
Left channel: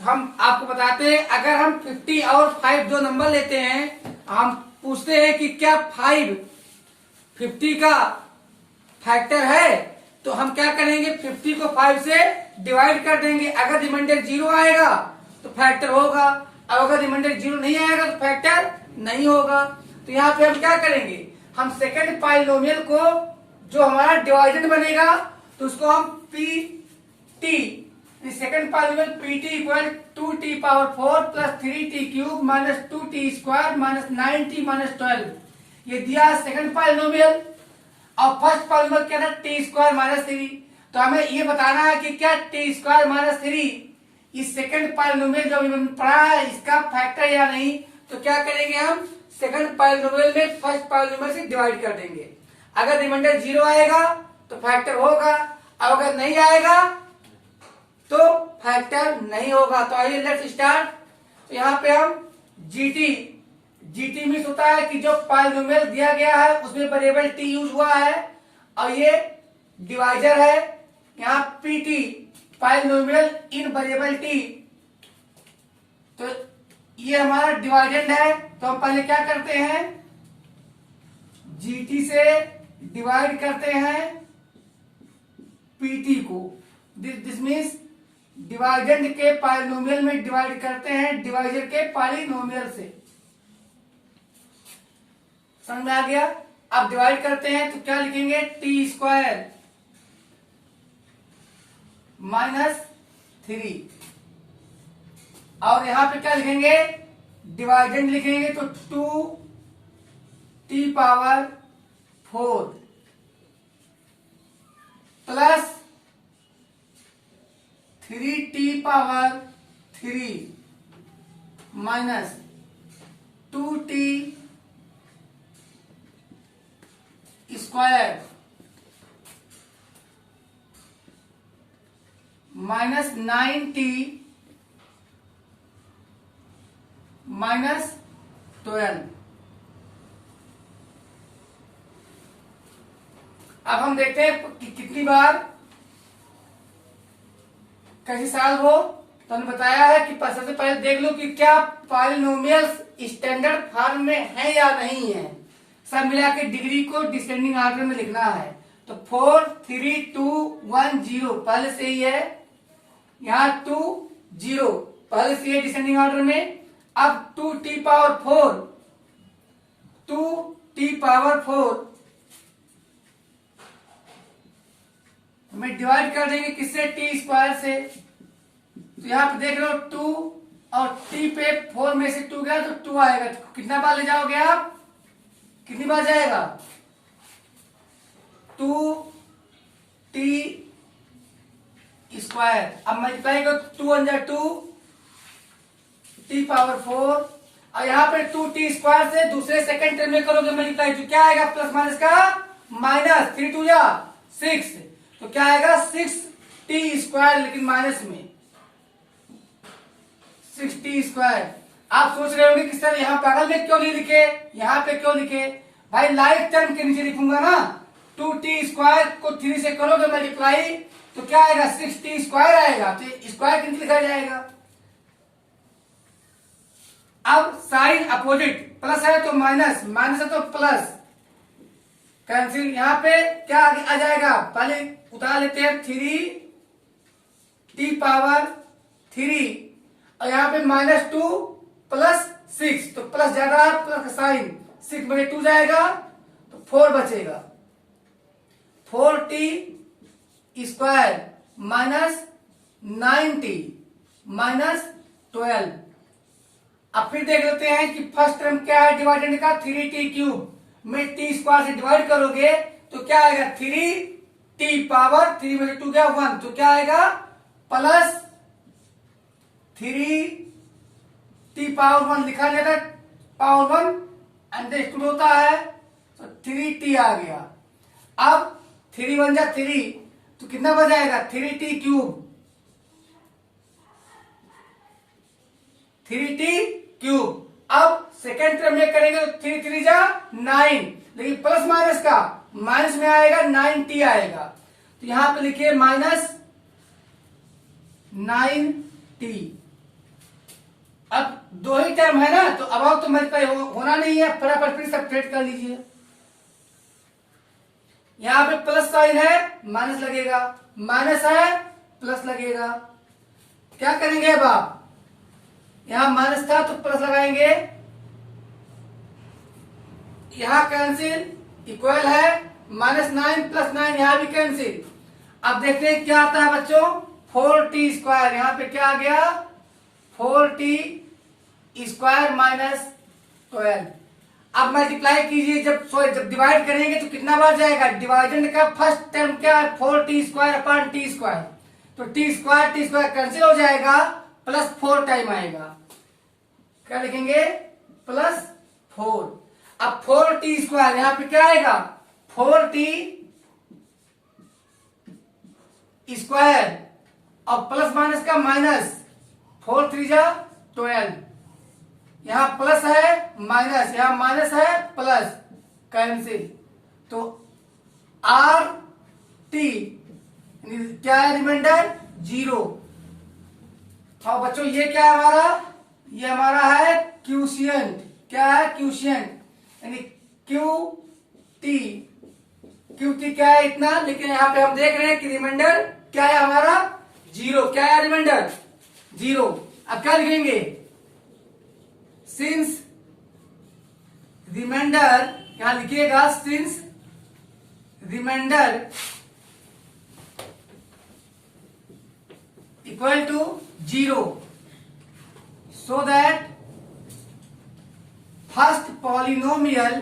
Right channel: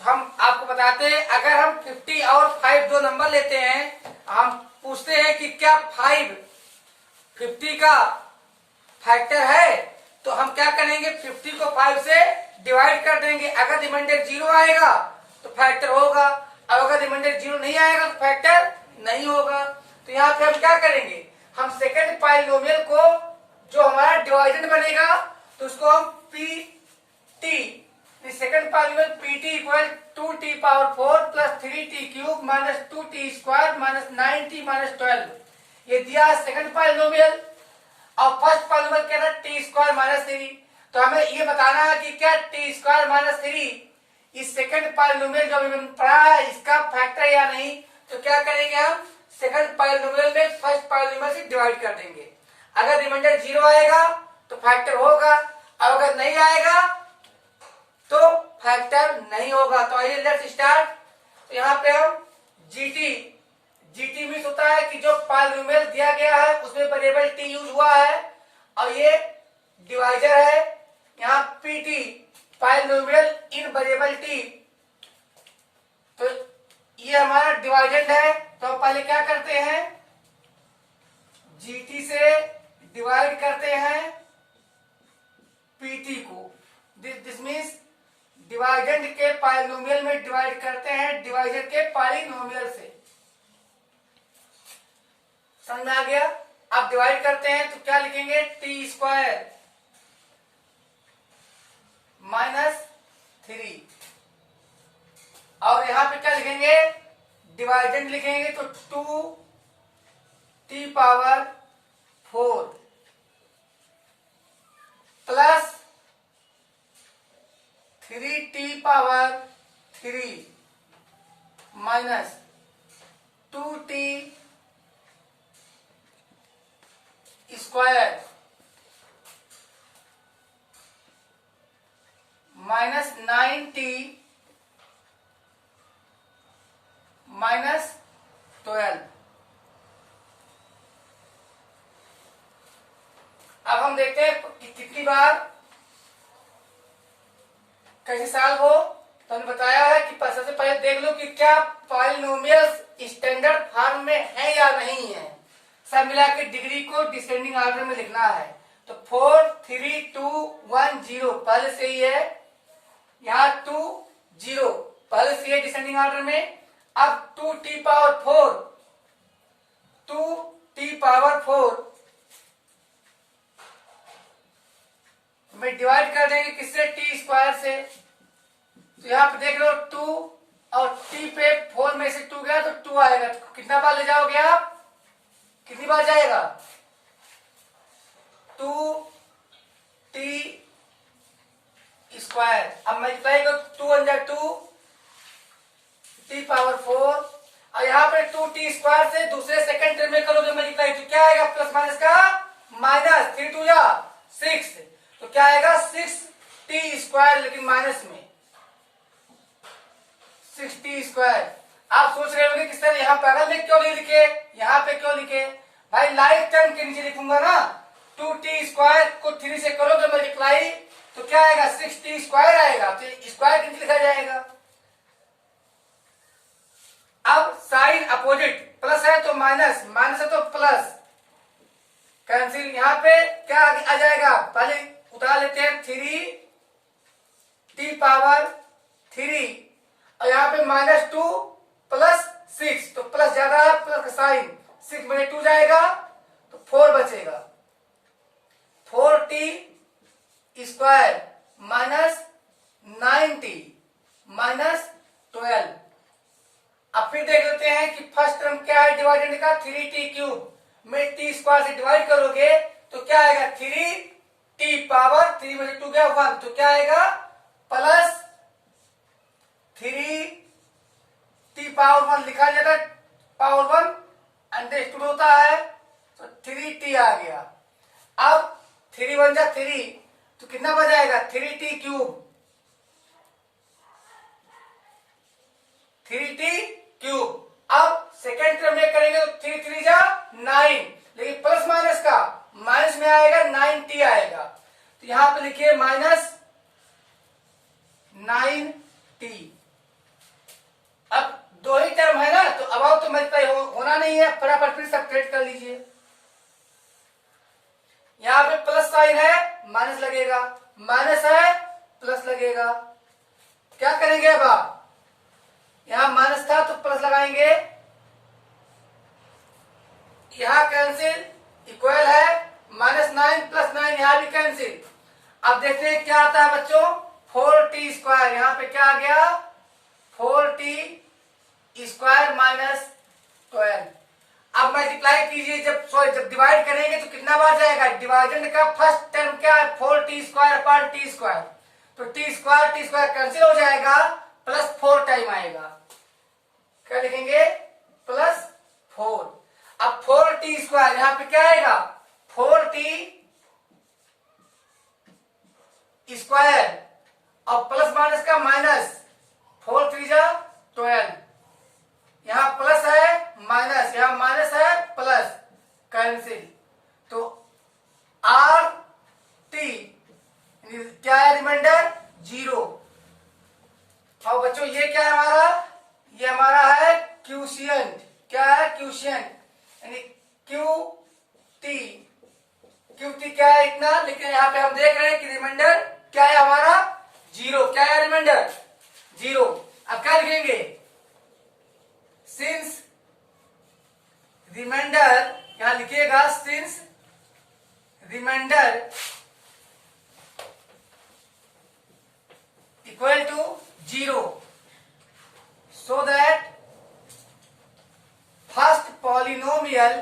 तो हम आपको बताते हैं, अगर हम 50 और 5 दो नंबर लेते हैं, हम पूछते हैं कि क्या 5 50 का फैक्टर है, तो हम क्या करेंगे, 50 को 5 से डिवाइड कर देंगे। अगर रिमाइंडर 0 आएगा तो फैक्टर होगा, और अगर रिमाइंडर 0 नहीं आएगा तो फैक्टर नहीं होगा। तो यहाँ पे हम क्या करेंगे, हम सेकंड पॉलिनोमियल को जो हमारा डिवाइडेड बनेगा तो उसको हम PT, second polynomial PT equal 2t⁴ + 3t³ -2t² -9t -12, ये दिया सेकंड पॉलिनोमियल। और फर्स्ट पॉलिनोमियल क्या था, t² -3। तो हमें ये बताना है कि क्या t² -3 इस सेकंड पॉलिनोमियल जो हमने पढ़ा है इसका फैक्टर या नहीं। तो क्या करेंगे, हम सेकंड पॉलिनोमियल में फर्स्ट पॉलिनोमियल से डिवाइड कर देंगे। अगर रिमाइंडर 0 आएगा तो फैक्टर होगा, और अगर नहीं आएगा तो फैक्टर नहीं होगा। तो आइए लेट्स स्टार्ट। तो यहाँ पे हम GT मीन्स होता है कि जो पॉलिनोमियल दिया गया है उसमें वेरिएबल t यूज हुआ है, और ये डिवाइजर है। यहाँ PT पॉलिनोमियल इन वेरिएबल t, तो ये हमारा डिवाइडेड है। तो हम पहले क्या करते हैं, GT से डिवाइड करते हैं PT को, दिस मीन्स डिवाइडेंड के पॉलिनोमियल में डिवाइड करते हैं डिवाइजर के पॉलिनोमियल से। समझ में आ गया। अब डिवाइड करते हैं तो क्या लिखेंगे, t² -3, और यहां पे क्या लिखेंगे, डिवाइडेंड लिखेंगे तो 2t⁴ plus 3t⁴ minus 2t² -9t -12। अब हम देखते हैं कि कितनी बार कैसे सॉल्व हो। तो हमने बताया है कि सबसे पहले देख लो कि क्या पॉलिनोमियल्स स्टैंडर्ड फॉर्म में है या नहीं है। सब मिला के डिग्री को डिसेंडिंग ऑर्डर में लिखना है। तो 4 3 2 1 0 पहले से ही है, यहाँ 2 0 पहले से ही है डिसेंडिंग ऑर्डर में। अब 2t⁴ हमें डिवाइड कर देंगे किससे, t² से। तो यहाँ पे देख लो 2 और टी पे 4 में से 2 गया तो 2 आएगा। तो कितना बार ले जाओगे आप, कितनी बार जाएगा, 2t स्क्वायर। अब मल्टीप्लाई करो, 2 × 2 t पावर 4, और यहाँ पे 2t स्क्वायर से दूसरे सेकंड टर्म में करोगे मल्टीप्लाई, तो क्या आएगा, प्लस माइनस का माइनस, 3 2 6, तो क्या आएगा 6t स्क्वायर, लेकिन माइनस में 6t स्क्वायर। आप सोच रहे होंगे कि सर यहाँ बगल में क्यों नहीं लिखे, यहाँ पे क्यों लिखे, भाई लाइक टर्म के नीचे लिखूंगा ना। 2t स्क्वायर को 3 से करोगे मल्टीप्लाई तो क्या आएगा, 6t स्क्वायर आएगा, तो स्क्वायर के नीचे लिखा जाएगा। अब साइन अपोजिट, प्लस है तो माइनस, माइनस है तो प्लस, कैंसिल। यहां पे क्या आ जाएगा, पहले उतार लेते हैं 3t पावर 3, और यहां पे -2 प्लस 6, तो प्लस ज्यादा प्लस साइन, 6 में 2 जाएगा तो 4 बचेगा, 4t square minus 9t minus 12। अब फिर देख लेते हैं कि फर्स्ट टर्म क्या है डिवाइडेंड का, 3t क्यूब में t स्क्वायर से डिवाइड करोगे तो क्या आएगा, 3t पावर 3 में 2 गया 1, तो क्या आएगा प्लस 3t पावर 1 लिखा जाता है, पावर 1 अंडरस्टूड होता है, तो 3t आ गया। अब 3 1 जा 3, तो कितना बच जाएगा, 3t क्यूब, 3t क्यूब। अब सेकेंड टर्म में करेंगे तो 3 3 जा 9, लेकिन प्लस माइनस का माइनस में आएगा 9t आएगा, तो यहां पे लिखिए माइनस 9t। अब दो ही टर्म है ना, तो अब तो मल्टीप्लाई होना नहीं है, फटाफट फिर सब्ट्रैक्ट कर लीजिए। यहां पे प्लस साइन है, माइनस लगेगा, माइनस है प्लस लगेगा। क्या करेंगे अब आप, यहां माइनस था तो प्लस लगाएंगे, यहां कैंसिल, इक्वल है -9 + 9, यहां भी कैंसिल। अब देखते हैं क्या आता है बच्चों, 4t स्क्वायर, यहां पे क्या आ गया, 4t स्क्वायर माइनस 12। अब मल्टीप्लाई कीजिए, जब डिवाइड करेंगे तो कितना बार जाएगा, डिवाइडेंड का फर्स्ट टर्म क्या है, 4t square upon t square, तो t स्क्वायर कैंसिल हो जाएगा, प्लस 4 टाइम आएगा, क्या लिखेंगे +4। अब 4t स्क्वायर यहां पे क्या आएगा, 4t स्क्वायर और प्लस माइनस का माइनस, 4 3 जा 12, यहां प्लस है माइनस, यहां माइनस है प्लस, कैंसिल, तो आर टी क्या है, रिमाइंडर 0। और बच्चों ये क्या है हमारा, ये हमारा है क्यूशियंट, क्या है क्यूशियंट, यानी क्यू टी क्या है इतना, लेकिन यहां पे हम देख रहे हैं कि रिमाइंडर क्या है हमारा 0, क्या है रिमाइंडर 0। अब क्या लिखेंगे, सिंस रिमाइंडर, यहां लिखिएगा since remainder equal to 0, so that first polynomial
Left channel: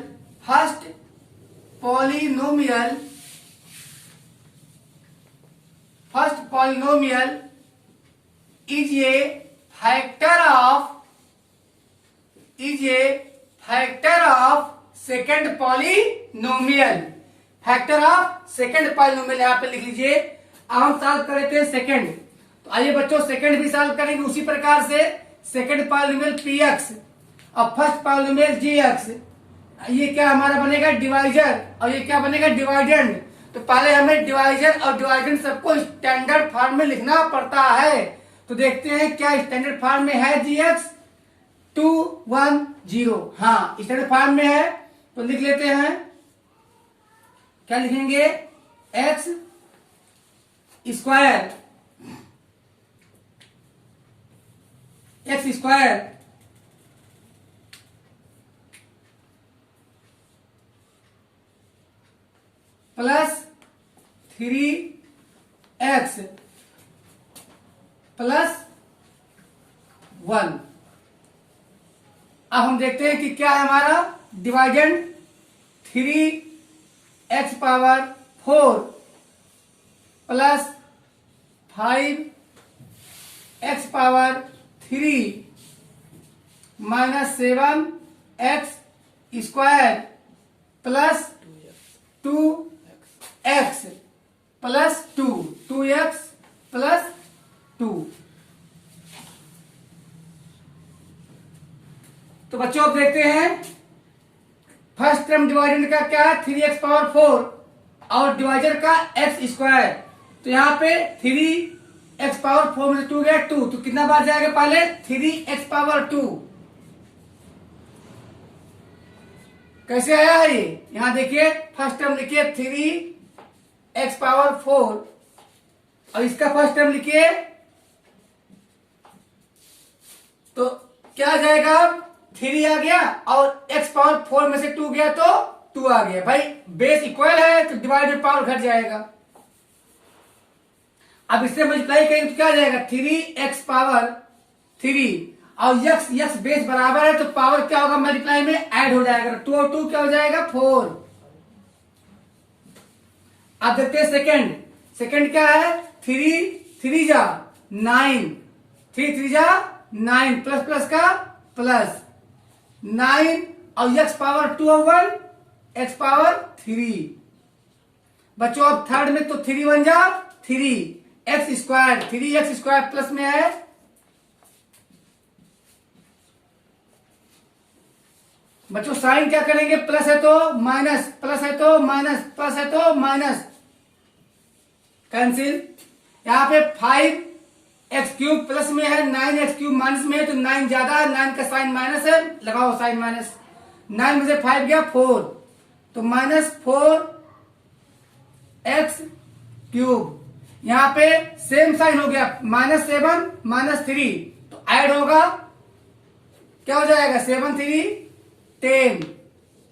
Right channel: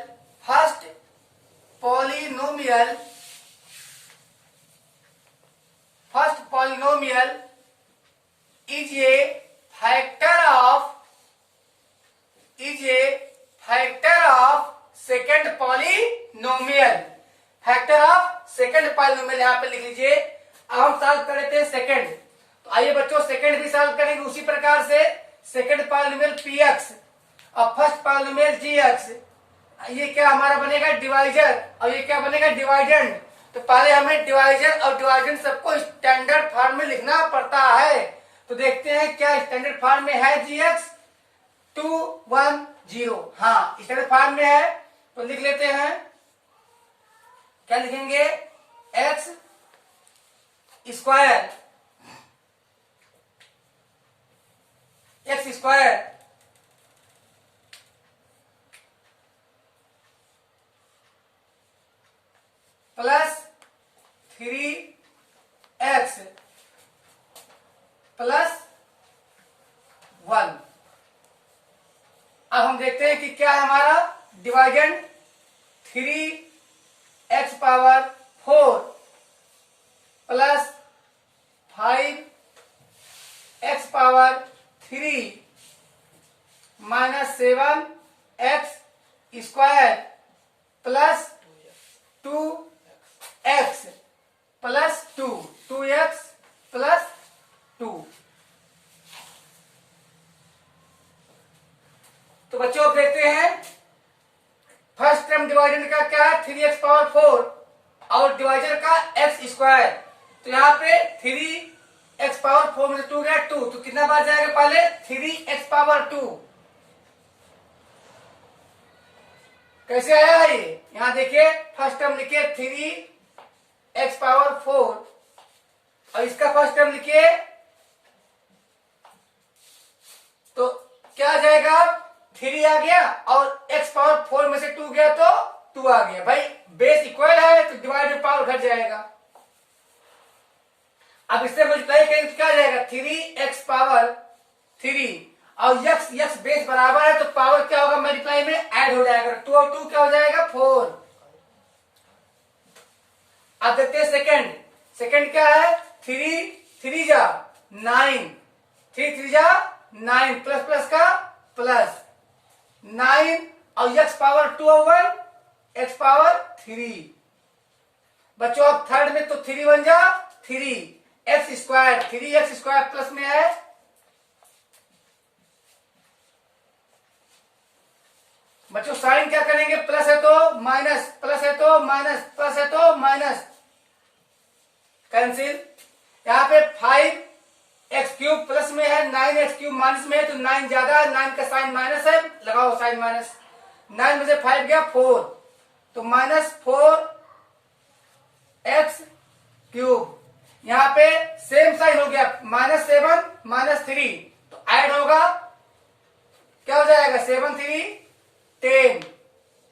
is a factor of second polynomial, यहां पे लिख लीजिए। अब हम सॉल्व कर लेते हैं सेकंड, तो आइए बच्चों सेकंड भी सॉल्व करेंगे उसी प्रकार से। सेकंड पॉलिनोमियल px और फर्स्ट पॉलिनोमियल gx, ये क्या हमारा बनेगा डिवाइजर, और ये क्या बनेगा डिवाइडेंड। तो पहले हमें डिवाइजर और डिवाइडेंड सबको स्टैंडर्ड फॉर्म में लिखना पड़ता है, तो देखते हैं क्या स्टैंडर्ड फॉर्म में है, gx 2 1 0, हाँ स्टैंडर्ड फॉर्म में है, तो लिख लेते हैं, क्या लिखेंगे, x square plus 3x plus 1। अब हम देखते हैं कि क्या है हमारा dividend 3x power 4 plus 5x power 3 minus 7x square plus 2x plus 2x plus 2। तो बच्चों अब देखते हैं फर्स्ट टर्म डिवाइडेंड का क्या है 3x पावर 4 और डिवाइजर का x स्क्वायर। तो यहाँ पे 3x पावर 4 में से 2 गया 2, तो कितना बार जाएगा पहले 3x पावर 2। कैसे आया ये, यहां देखिए फर्स्ट टर्म लिखिए 3x पावर 4 और इसका फर्स्ट टर्म लिखिए, तो क्या आ जाएगा 3 आ गया और x पावर 4 में से 2 गया तो 2 आ गया। भाई बेस इक्वल है तो डिवाइड में पावर घट जाएगा। अब इससे मल्टीप्लाई करेंगे तो क्या आ जाएगा 3x पावर 3 और x बेस बराबर है तो पावर क्या होगा मल्टीप्लाई में ऐड हो जाएगा, 2 और 2 क्या हो जाएगा 4। अब देखते हैं सेकंड क्या है 3 जा 9, 3 जा 9 प्लस प्लस का प्लस 9 और x पावर 2 और 1 x पावर 3। बच्चों अब थर्ड में तो 3 1 जा 3x square 3x square plus में है बच्चों साइन क्या करेंगे, प्लस है तो माइनस, प्लस है तो माइनस, प्लस है तो माइनस, कैंसिल। यहां पे 5x क्यूब प्लस में है 9x क्यूब माइनस में है तो 9 ज्यादा है, 9 का साइन माइनस है, लगाओ साइन माइनस। 9 में से 5 गया 4 तो माइनस 4x क्यूब। यहां पे सेम साइन हो गया -7 -3 तो ऐड होगा क्या हो जाएगा 7 3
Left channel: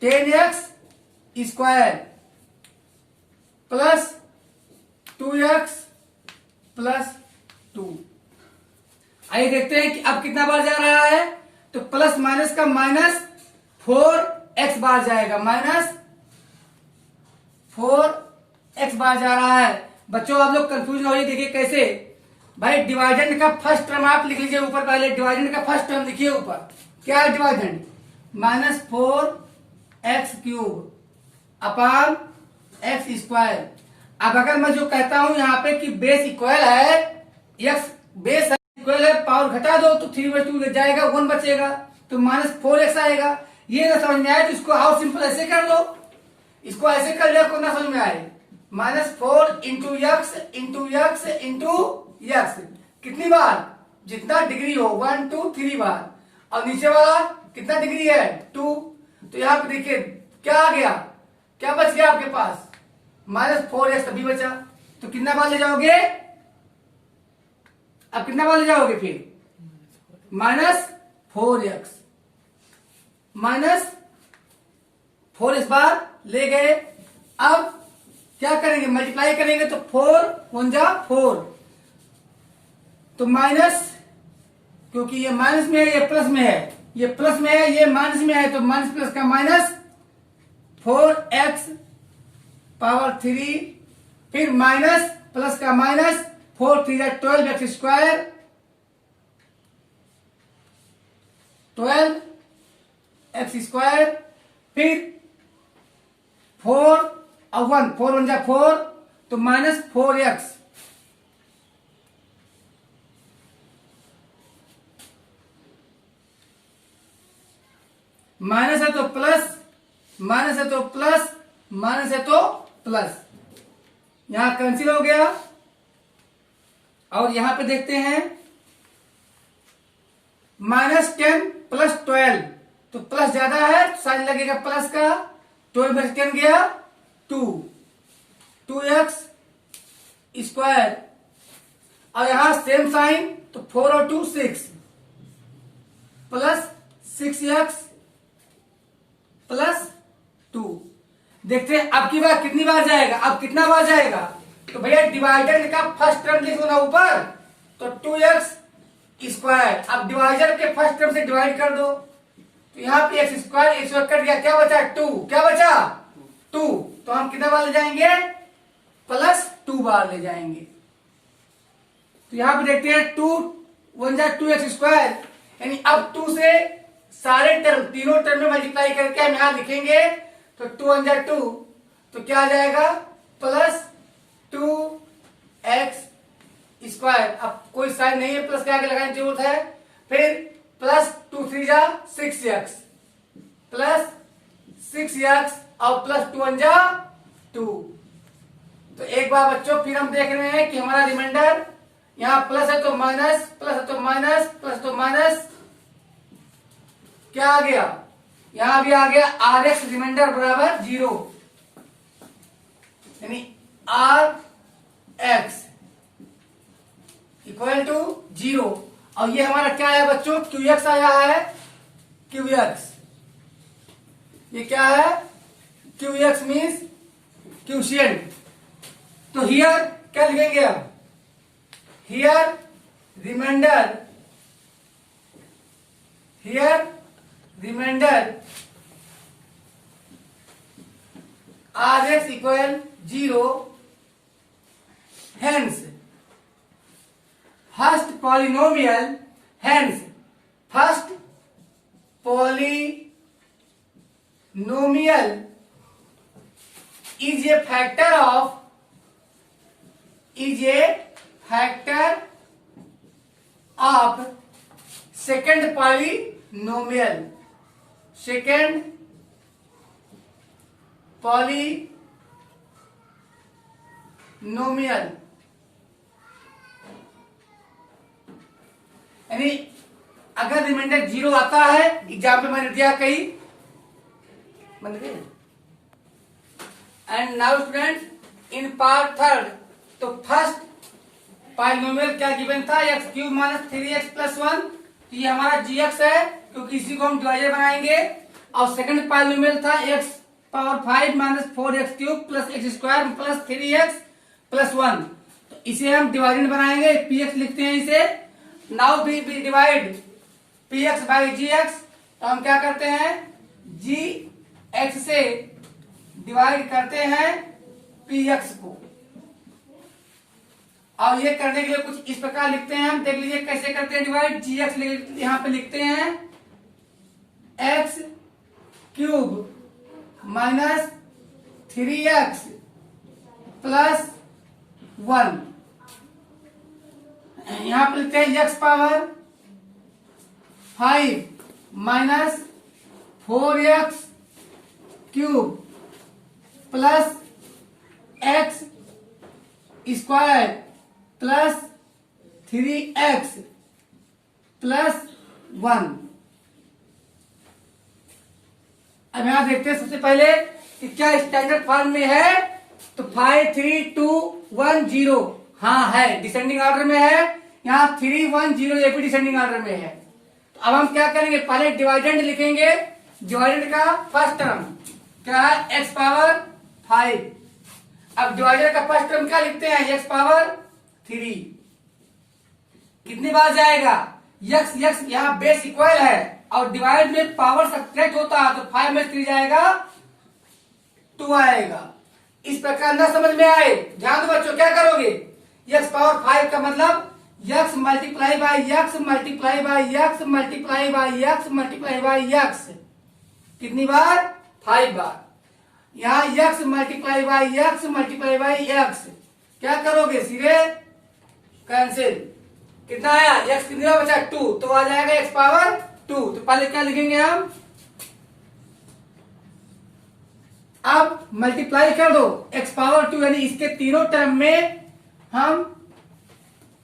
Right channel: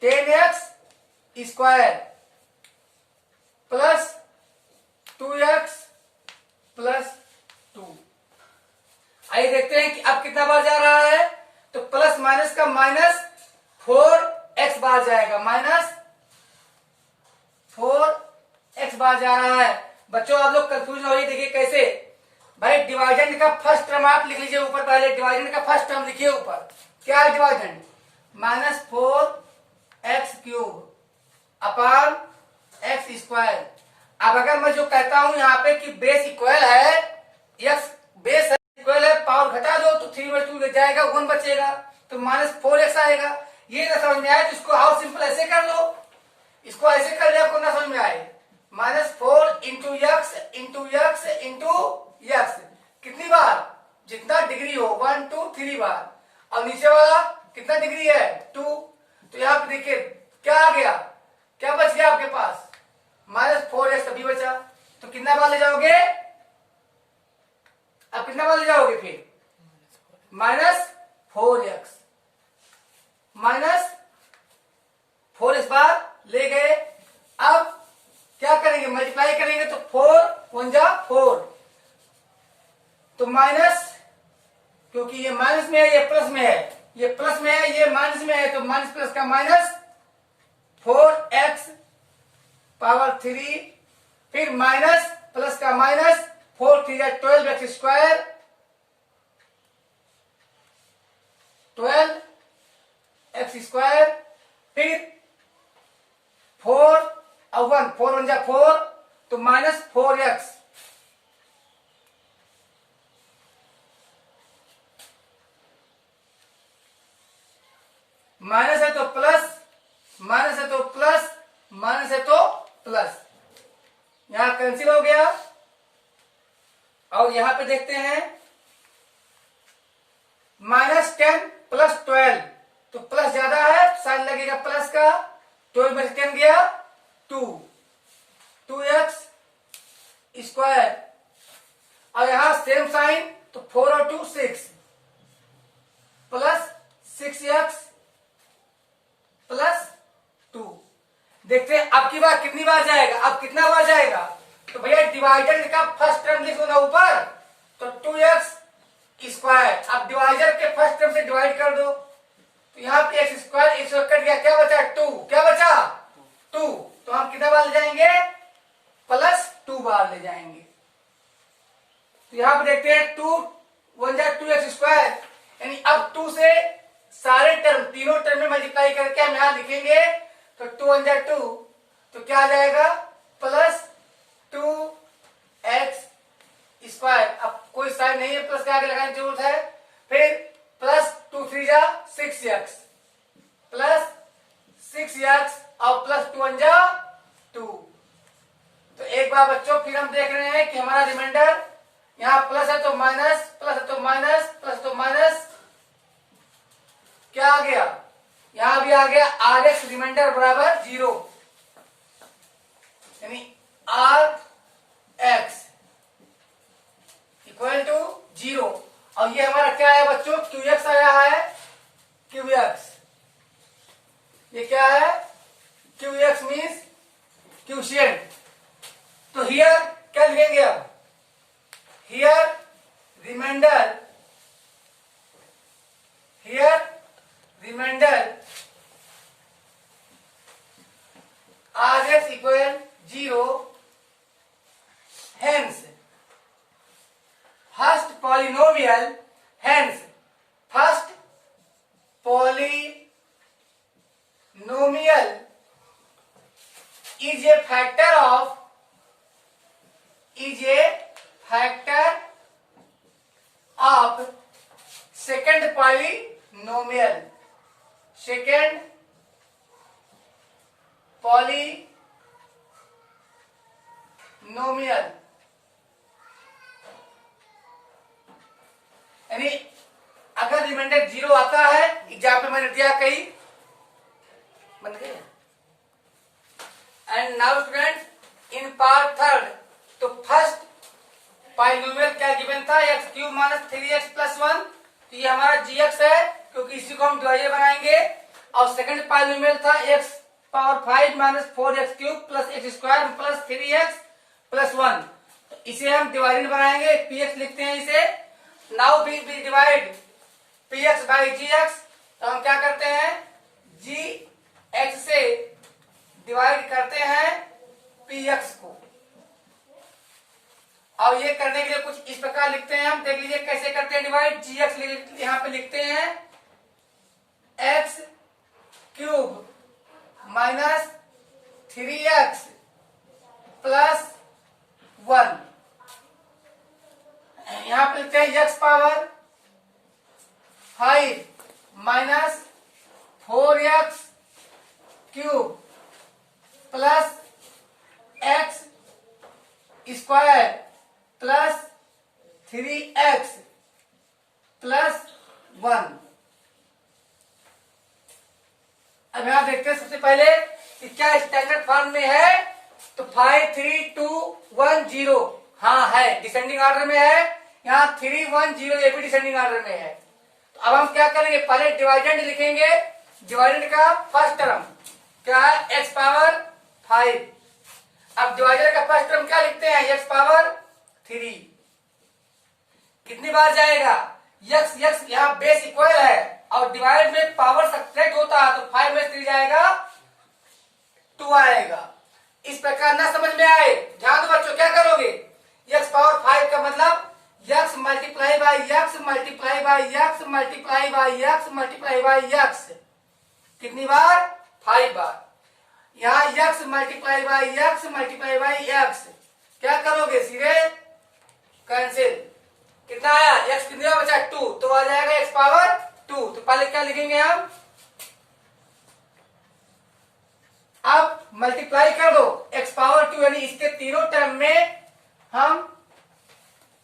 10x square plus 2x plus 2। आइए देखते हैं कि अब कितना बार जा रहा है, तो प्लस माइनस का माइनस 4x बार जाएगा, -4x बार जा रहा है। बच्चों आप लोग कंफ्यूजन हो रही, देखिए कैसे भाई डिवाइडेंड का फर्स्ट टर्म आप लिख लीजिए ऊपर, पहले डिवाइडेंड का फर्स्ट टर्म लिखिए ऊपर, क्या है डिवाइडेंड -4x क्यूब अपान x स्क्वायर। अब अगर मैं जो कहता हूं यहाँ पे कि बेस इक्वल है, x बेस इक्वल है, पावर घटा दो तो 3/2 जाएगा, 1 बचेगा तो -4x आएगा। ये ना समझ में आए तो इसको आओ सिंपल ऐसे कर लो, इसको ऐसे कर लिया, आपको ना समझ में आए -4 इंटू x कितनी बार, जितना डिग्री हो 1 2 3 बार, और नीचे वाला कितना डिग्री है 2। तो यहाँ पे देखिए क्या आ गया, क्या बच गया आपके पास -4x अभी बचा, तो कितना बार ले जाओगे, अब कितना बार ले जाओगे फिर -4x बार ले गए। अब क्या करेंगे, मल्टीप्लाई करेंगे तो 4 1 जा 4 तो माइनस, क्योंकि ये माइनस में है ये प्लस में है, ये प्लस में है ये माइनस में है, तो माइनस प्लस का माइनस 4x पावर 3 फिर माइनस प्लस का minus 4 3 12x square 12x square फिर 4 और 1 4 1 जा 4 तो -4x माइनस है तो प्लस, माइनस है तो प्लस, माइनस है तो प्लस, यहां कैंसिल हो गया। और यहां पे देखते हैं -10 प्लस 12 तो प्लस ज्यादा है, साइन लगेगा प्लस का, 12 में से 10 गया 2x स्क्वायर, और यहां सेम साइन तो 4 और 2 6 प्लस 6x प्लस 2। देखते हैं अब की बार कितनी बार जाएगा, अब कितना बार जाएगा, तो भैया डिवाइडेंड का फर्स्ट टर्म लिख दो ना ऊपर, तो 2x स्क्वायर। अब डिवाइजर के फर्स्ट टर्म से डिवाइड कर दो, तो यहाँ पे एक्स स्क्वायर एक सौ कट गया, क्या बचा 2, क्या बचा 2, तो हम कितना बार ले जाएंगे +2 बार ले जाएंगे। तो यहाँ पे देखते हैं 2 1 जा 2x², यानी अब 2 से सारे टर्म तीनों टर्म में मल्टीप्लाई करके हम यहां लिखेंगे, तो 2 1 जा 2, तो क्या आ जाएगा +2x²। अब कोई साइन नहीं है, प्लस के आगे लगाने की जरूरत है। फिर +2 3 जा 6x, +6x और +2 1 जा 2। तो एक बार बच्चों फिर हम देख रहे हैं कि हमारा रिमाइंडर यहां प्लस है तो माइनस, प्लस है तो माइनस, प्लस तो माइनस, क्या आ गया, यहां भी आ गया Rx रिमाइंडर बराबर 0, यानी Rx इक्वल टू 0। और ये हमारा क्या है बच्चों, Qx आया है, Qx ये क्या है, Qx मीन्स क्यूशिएंट। तो हियर क्या लिखेंगे अब, here remainder Rx equal 0, hence first polynomial is a factor of second polynomial। यानी अगर रिमाइंडर 0 आता है, एग्जाम्पल मैंने दिया कहीं, and now student in part third, तो फर्स्ट पॉलिनोमियल क्या गिवन था, x³ - 3x+1, तो ये हमारा gx है क्योंकि इसी को हम डिवाइजर बनाएंगे। और सेकंड पॉलिनोमियल था x⁵ - 4x³ + x² + 3x+1, तो इसे हम डिवाइडेंड बनाएंगे, px लिखते हैं इसे। Now we divide px by gx, तो हम क्या करते हैं, gx से डिवाइड करते हैं px को। और ये करने के लिए कुछ इस प्रकार लिखते हैं, हम देख लीजिए कैसे करते हैं डिवाइड। gx यहां पे लिखते हैं x³ - 3x + 1, यहां पे लिखते हैं x⁵ - 4x³ + x² + 3x + 1। अब यहां देखते हैं सबसे पहले कि क्या स्टैंडर्ड फॉर्म में है, तो 5 3 2 1 0, हाँ है, डिसेंडिंग ऑर्डर में है। यहाँ 3 1 0 ये भी डिसेंडिंग ऑर्डर में है। तो अब हम क्या करेंगे, पहले डिवाइडेंड लिखेंगे। डिवाइडेंड का फर्स्ट टर्म क्या है, x⁵। अब डिवाइडर का फर्स्ट टर्म क्या लिखते हैं, x⁵। कितनी बार जाएगा, x यहाँ बेस इक्वल है और डिवाइड में पावर सब्ट्रैक्ट होता है, तो 5 में 3 जाएगा 2 आएगा। इस प्रकार ना समझ में आए, ध्यान दो बच्चों, क्या करोगे, x⁵ का मतलब x multiply by x multiply by x multiply by x multiply by x, कितनी बार, 5 बार। यहाँ x multiply by x multiply by x, क्या करोगे, सीधे कैंसिल, कितना आया, x कितनी बार बचा 2, तो आ जाएगा x⁵2। तो पहले क्या लिखेंगे हम, अब मल्टीप्लाई कर दो x⁵2, यानी इसके तीनों टर्म में हम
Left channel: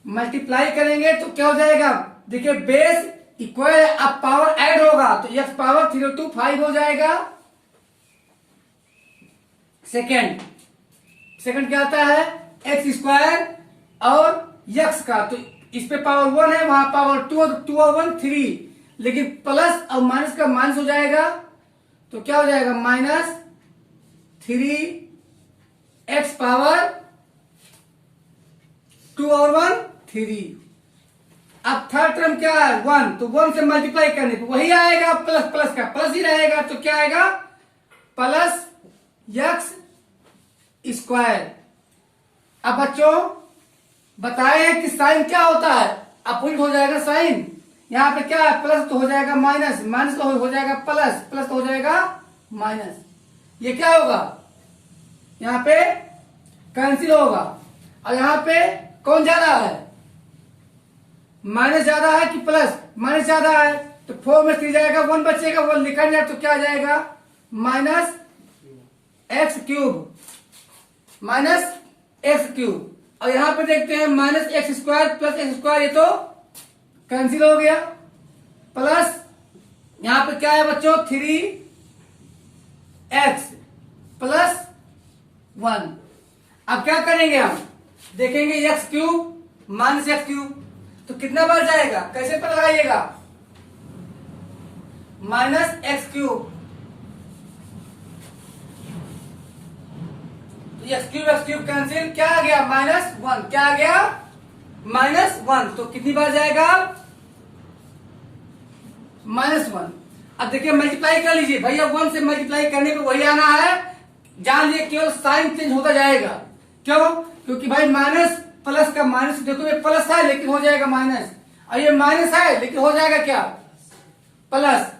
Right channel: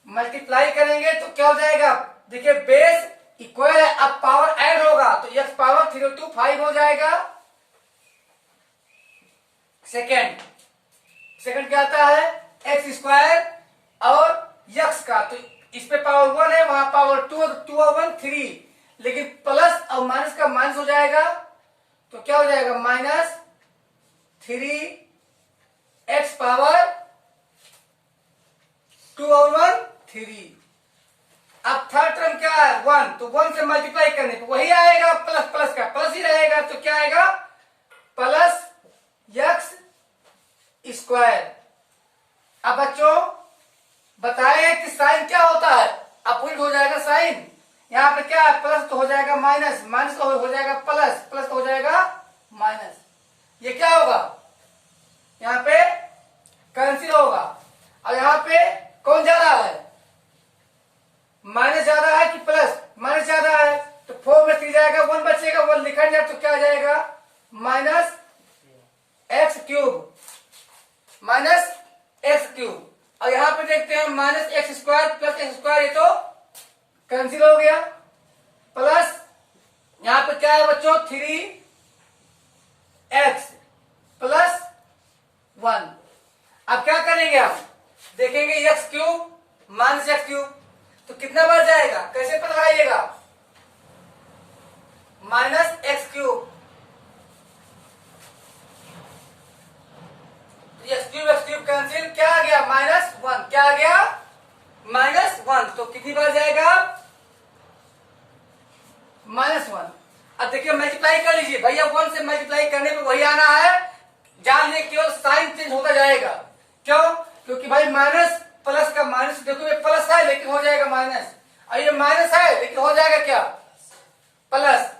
मल्टीप्लाई करेंगे तो क्या हो जाएगा, देखिए बेस इक्वल है, अब पावर ऐड होगा तो x⁵3 5 हो जाएगा। सेकंड क्या आता है, x² और x का, तो इस पे पावर 1 है, वहां पावर 2, 2 और 1 3, लेकिन प्लस और माइनस का माइनस हो जाएगा, तो क्या हो जाएगा, -3x⁵2 और 1 3। अब थर्ड टर्म क्या है 1, तो 1 से मल्टीप्लाई करने पे वही आएगा, प्लस प्लस का प्लस ही रहेगा, तो क्या आएगा प्लस एक्स स्क्वायर। अब बच्चों बताए हैं कि साइन क्या होता है, अपोजिट हो जाएगा साइन। यहाँ पे क्या है प्लस तो हो जाएगा माइनस, माइनस तो हो जाएगा प्लस, प्लस तो हो जाएगा माइनस। ये क्या होगा यहाँ पे कैंसिल होगा। और यहाँ पे कौन ज्यादा है, माइनस ज्यादा है कि प्लस, माइनस ज्यादा है, तो 4 में 3 जाएगा 1 बचेगा, 1 लिखा जाए तो क्या आ जाएगा minus x cube, minus x cube. और यहां पे देखते हैं minus x square plus x square, ये तो कैंसिल हो गया, प्लस यहां पे क्या है बच्चों 3x प्लस 1। अब क्या करेंगे हम देखेंगे x cube minus x cube, तो कितना बार जाएगा, कैसे पता लगाइएगा, minus x cube, x cube cancel, क्या आ गया -1, क्या आ गया -1, तो कितनी बार जाएगा -1। अब देखिए मल्टीप्लाई कर लीजिए भैया, 1 से मल्टीप्लाई करने पे वही आना है, जान लीजिए केवल साइन चेंज होता जाएगा। क्यों, क्योंकि भाई माइनस प्लस का माइनस, देखो ये प्लस है लेकिन हो जाएगा माइनस, और ये माइनस है लेकिन हो जाएगा क्या प्लस,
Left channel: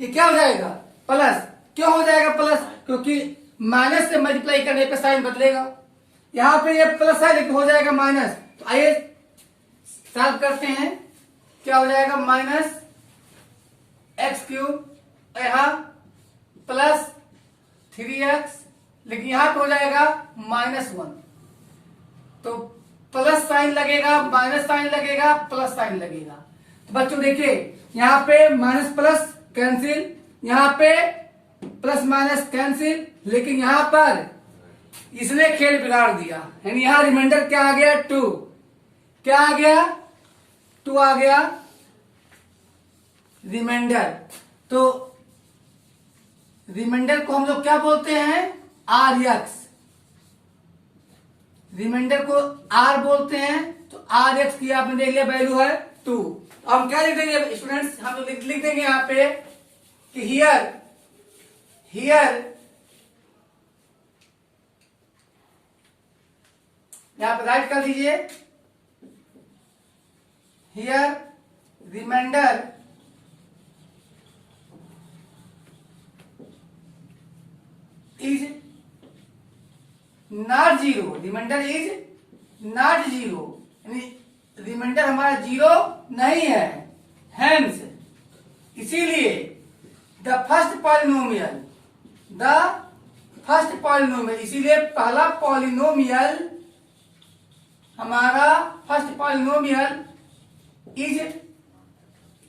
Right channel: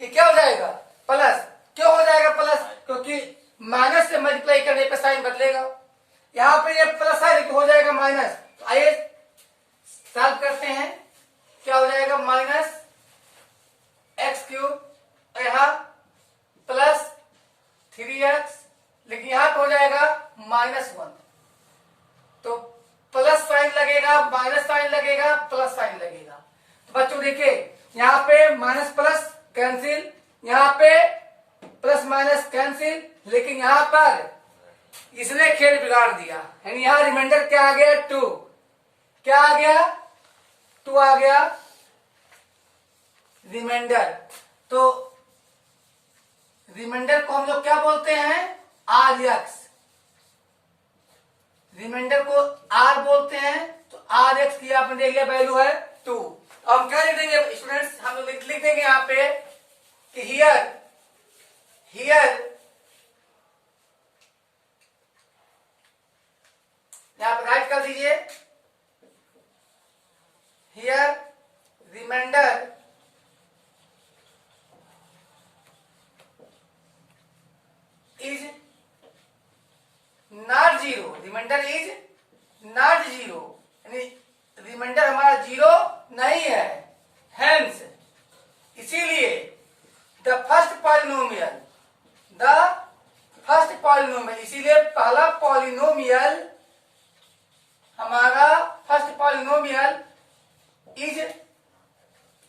ये क्या हो जाएगा प्लस। क्यों हो जाएगा प्लस, क्योंकि माइनस से मल्टीप्लाई करने पे साइन बदलेगा। यहां पे ये प्लस है लेकिन हो जाएगा माइनस, तो आइए सॉल्व करते हैं। क्या हो जाएगा माइनस एक्स क्यूब, यहां प्लस 3x, लेकिन यहां पे हो जाएगा -1, तो प्लस साइन लगेगा, माइनस साइन लगेगा, प्लस साइन लगेगा। तो बच्चों देखिए यहां पे माइनस प्लस कैंसिल, यहां पे प्लस माइनस कैंसिल, लेकिन यहां पर इसने खेल बिगाड़ दिया, यानी यहां रिमाइंडर क्या आ गया 2, क्या आ गया 2 आ गया रिमाइंडर। तो रिमाइंडर को हम लोग क्या बोलते हैं RX, रिमाइंडर को R बोलते हैं, तो RX की आपने देख लिया वैल्यू है 2। तो हम क्या लिख देंगे स्टूडेंट्स, हम लोग लिख देंगे यहां पे कि हियर यहां पे राइट कर दीजिए, here remainder is not 0, remainder is not 0, यानी रिमाइंडर हमारा 0 नहीं है, हेंस इसीलिए द फर्स्ट पॉलिनोमियल, इसीलिए पहला पॉलिनोमियल हमारा first polynomial is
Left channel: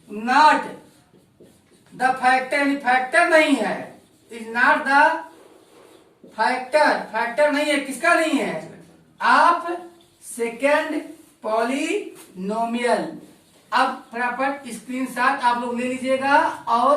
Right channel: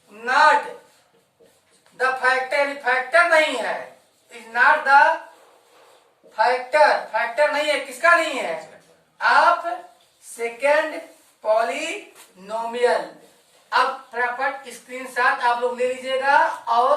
not the factor, यानी फैक्टर नहीं है, इज नॉट द फैक्टर नहीं है, किसका नहीं है आप सेकेंड पॉलिनोमियल। अब फटाफट स्क्रीनशॉट आप लोग ले लीजिएगा और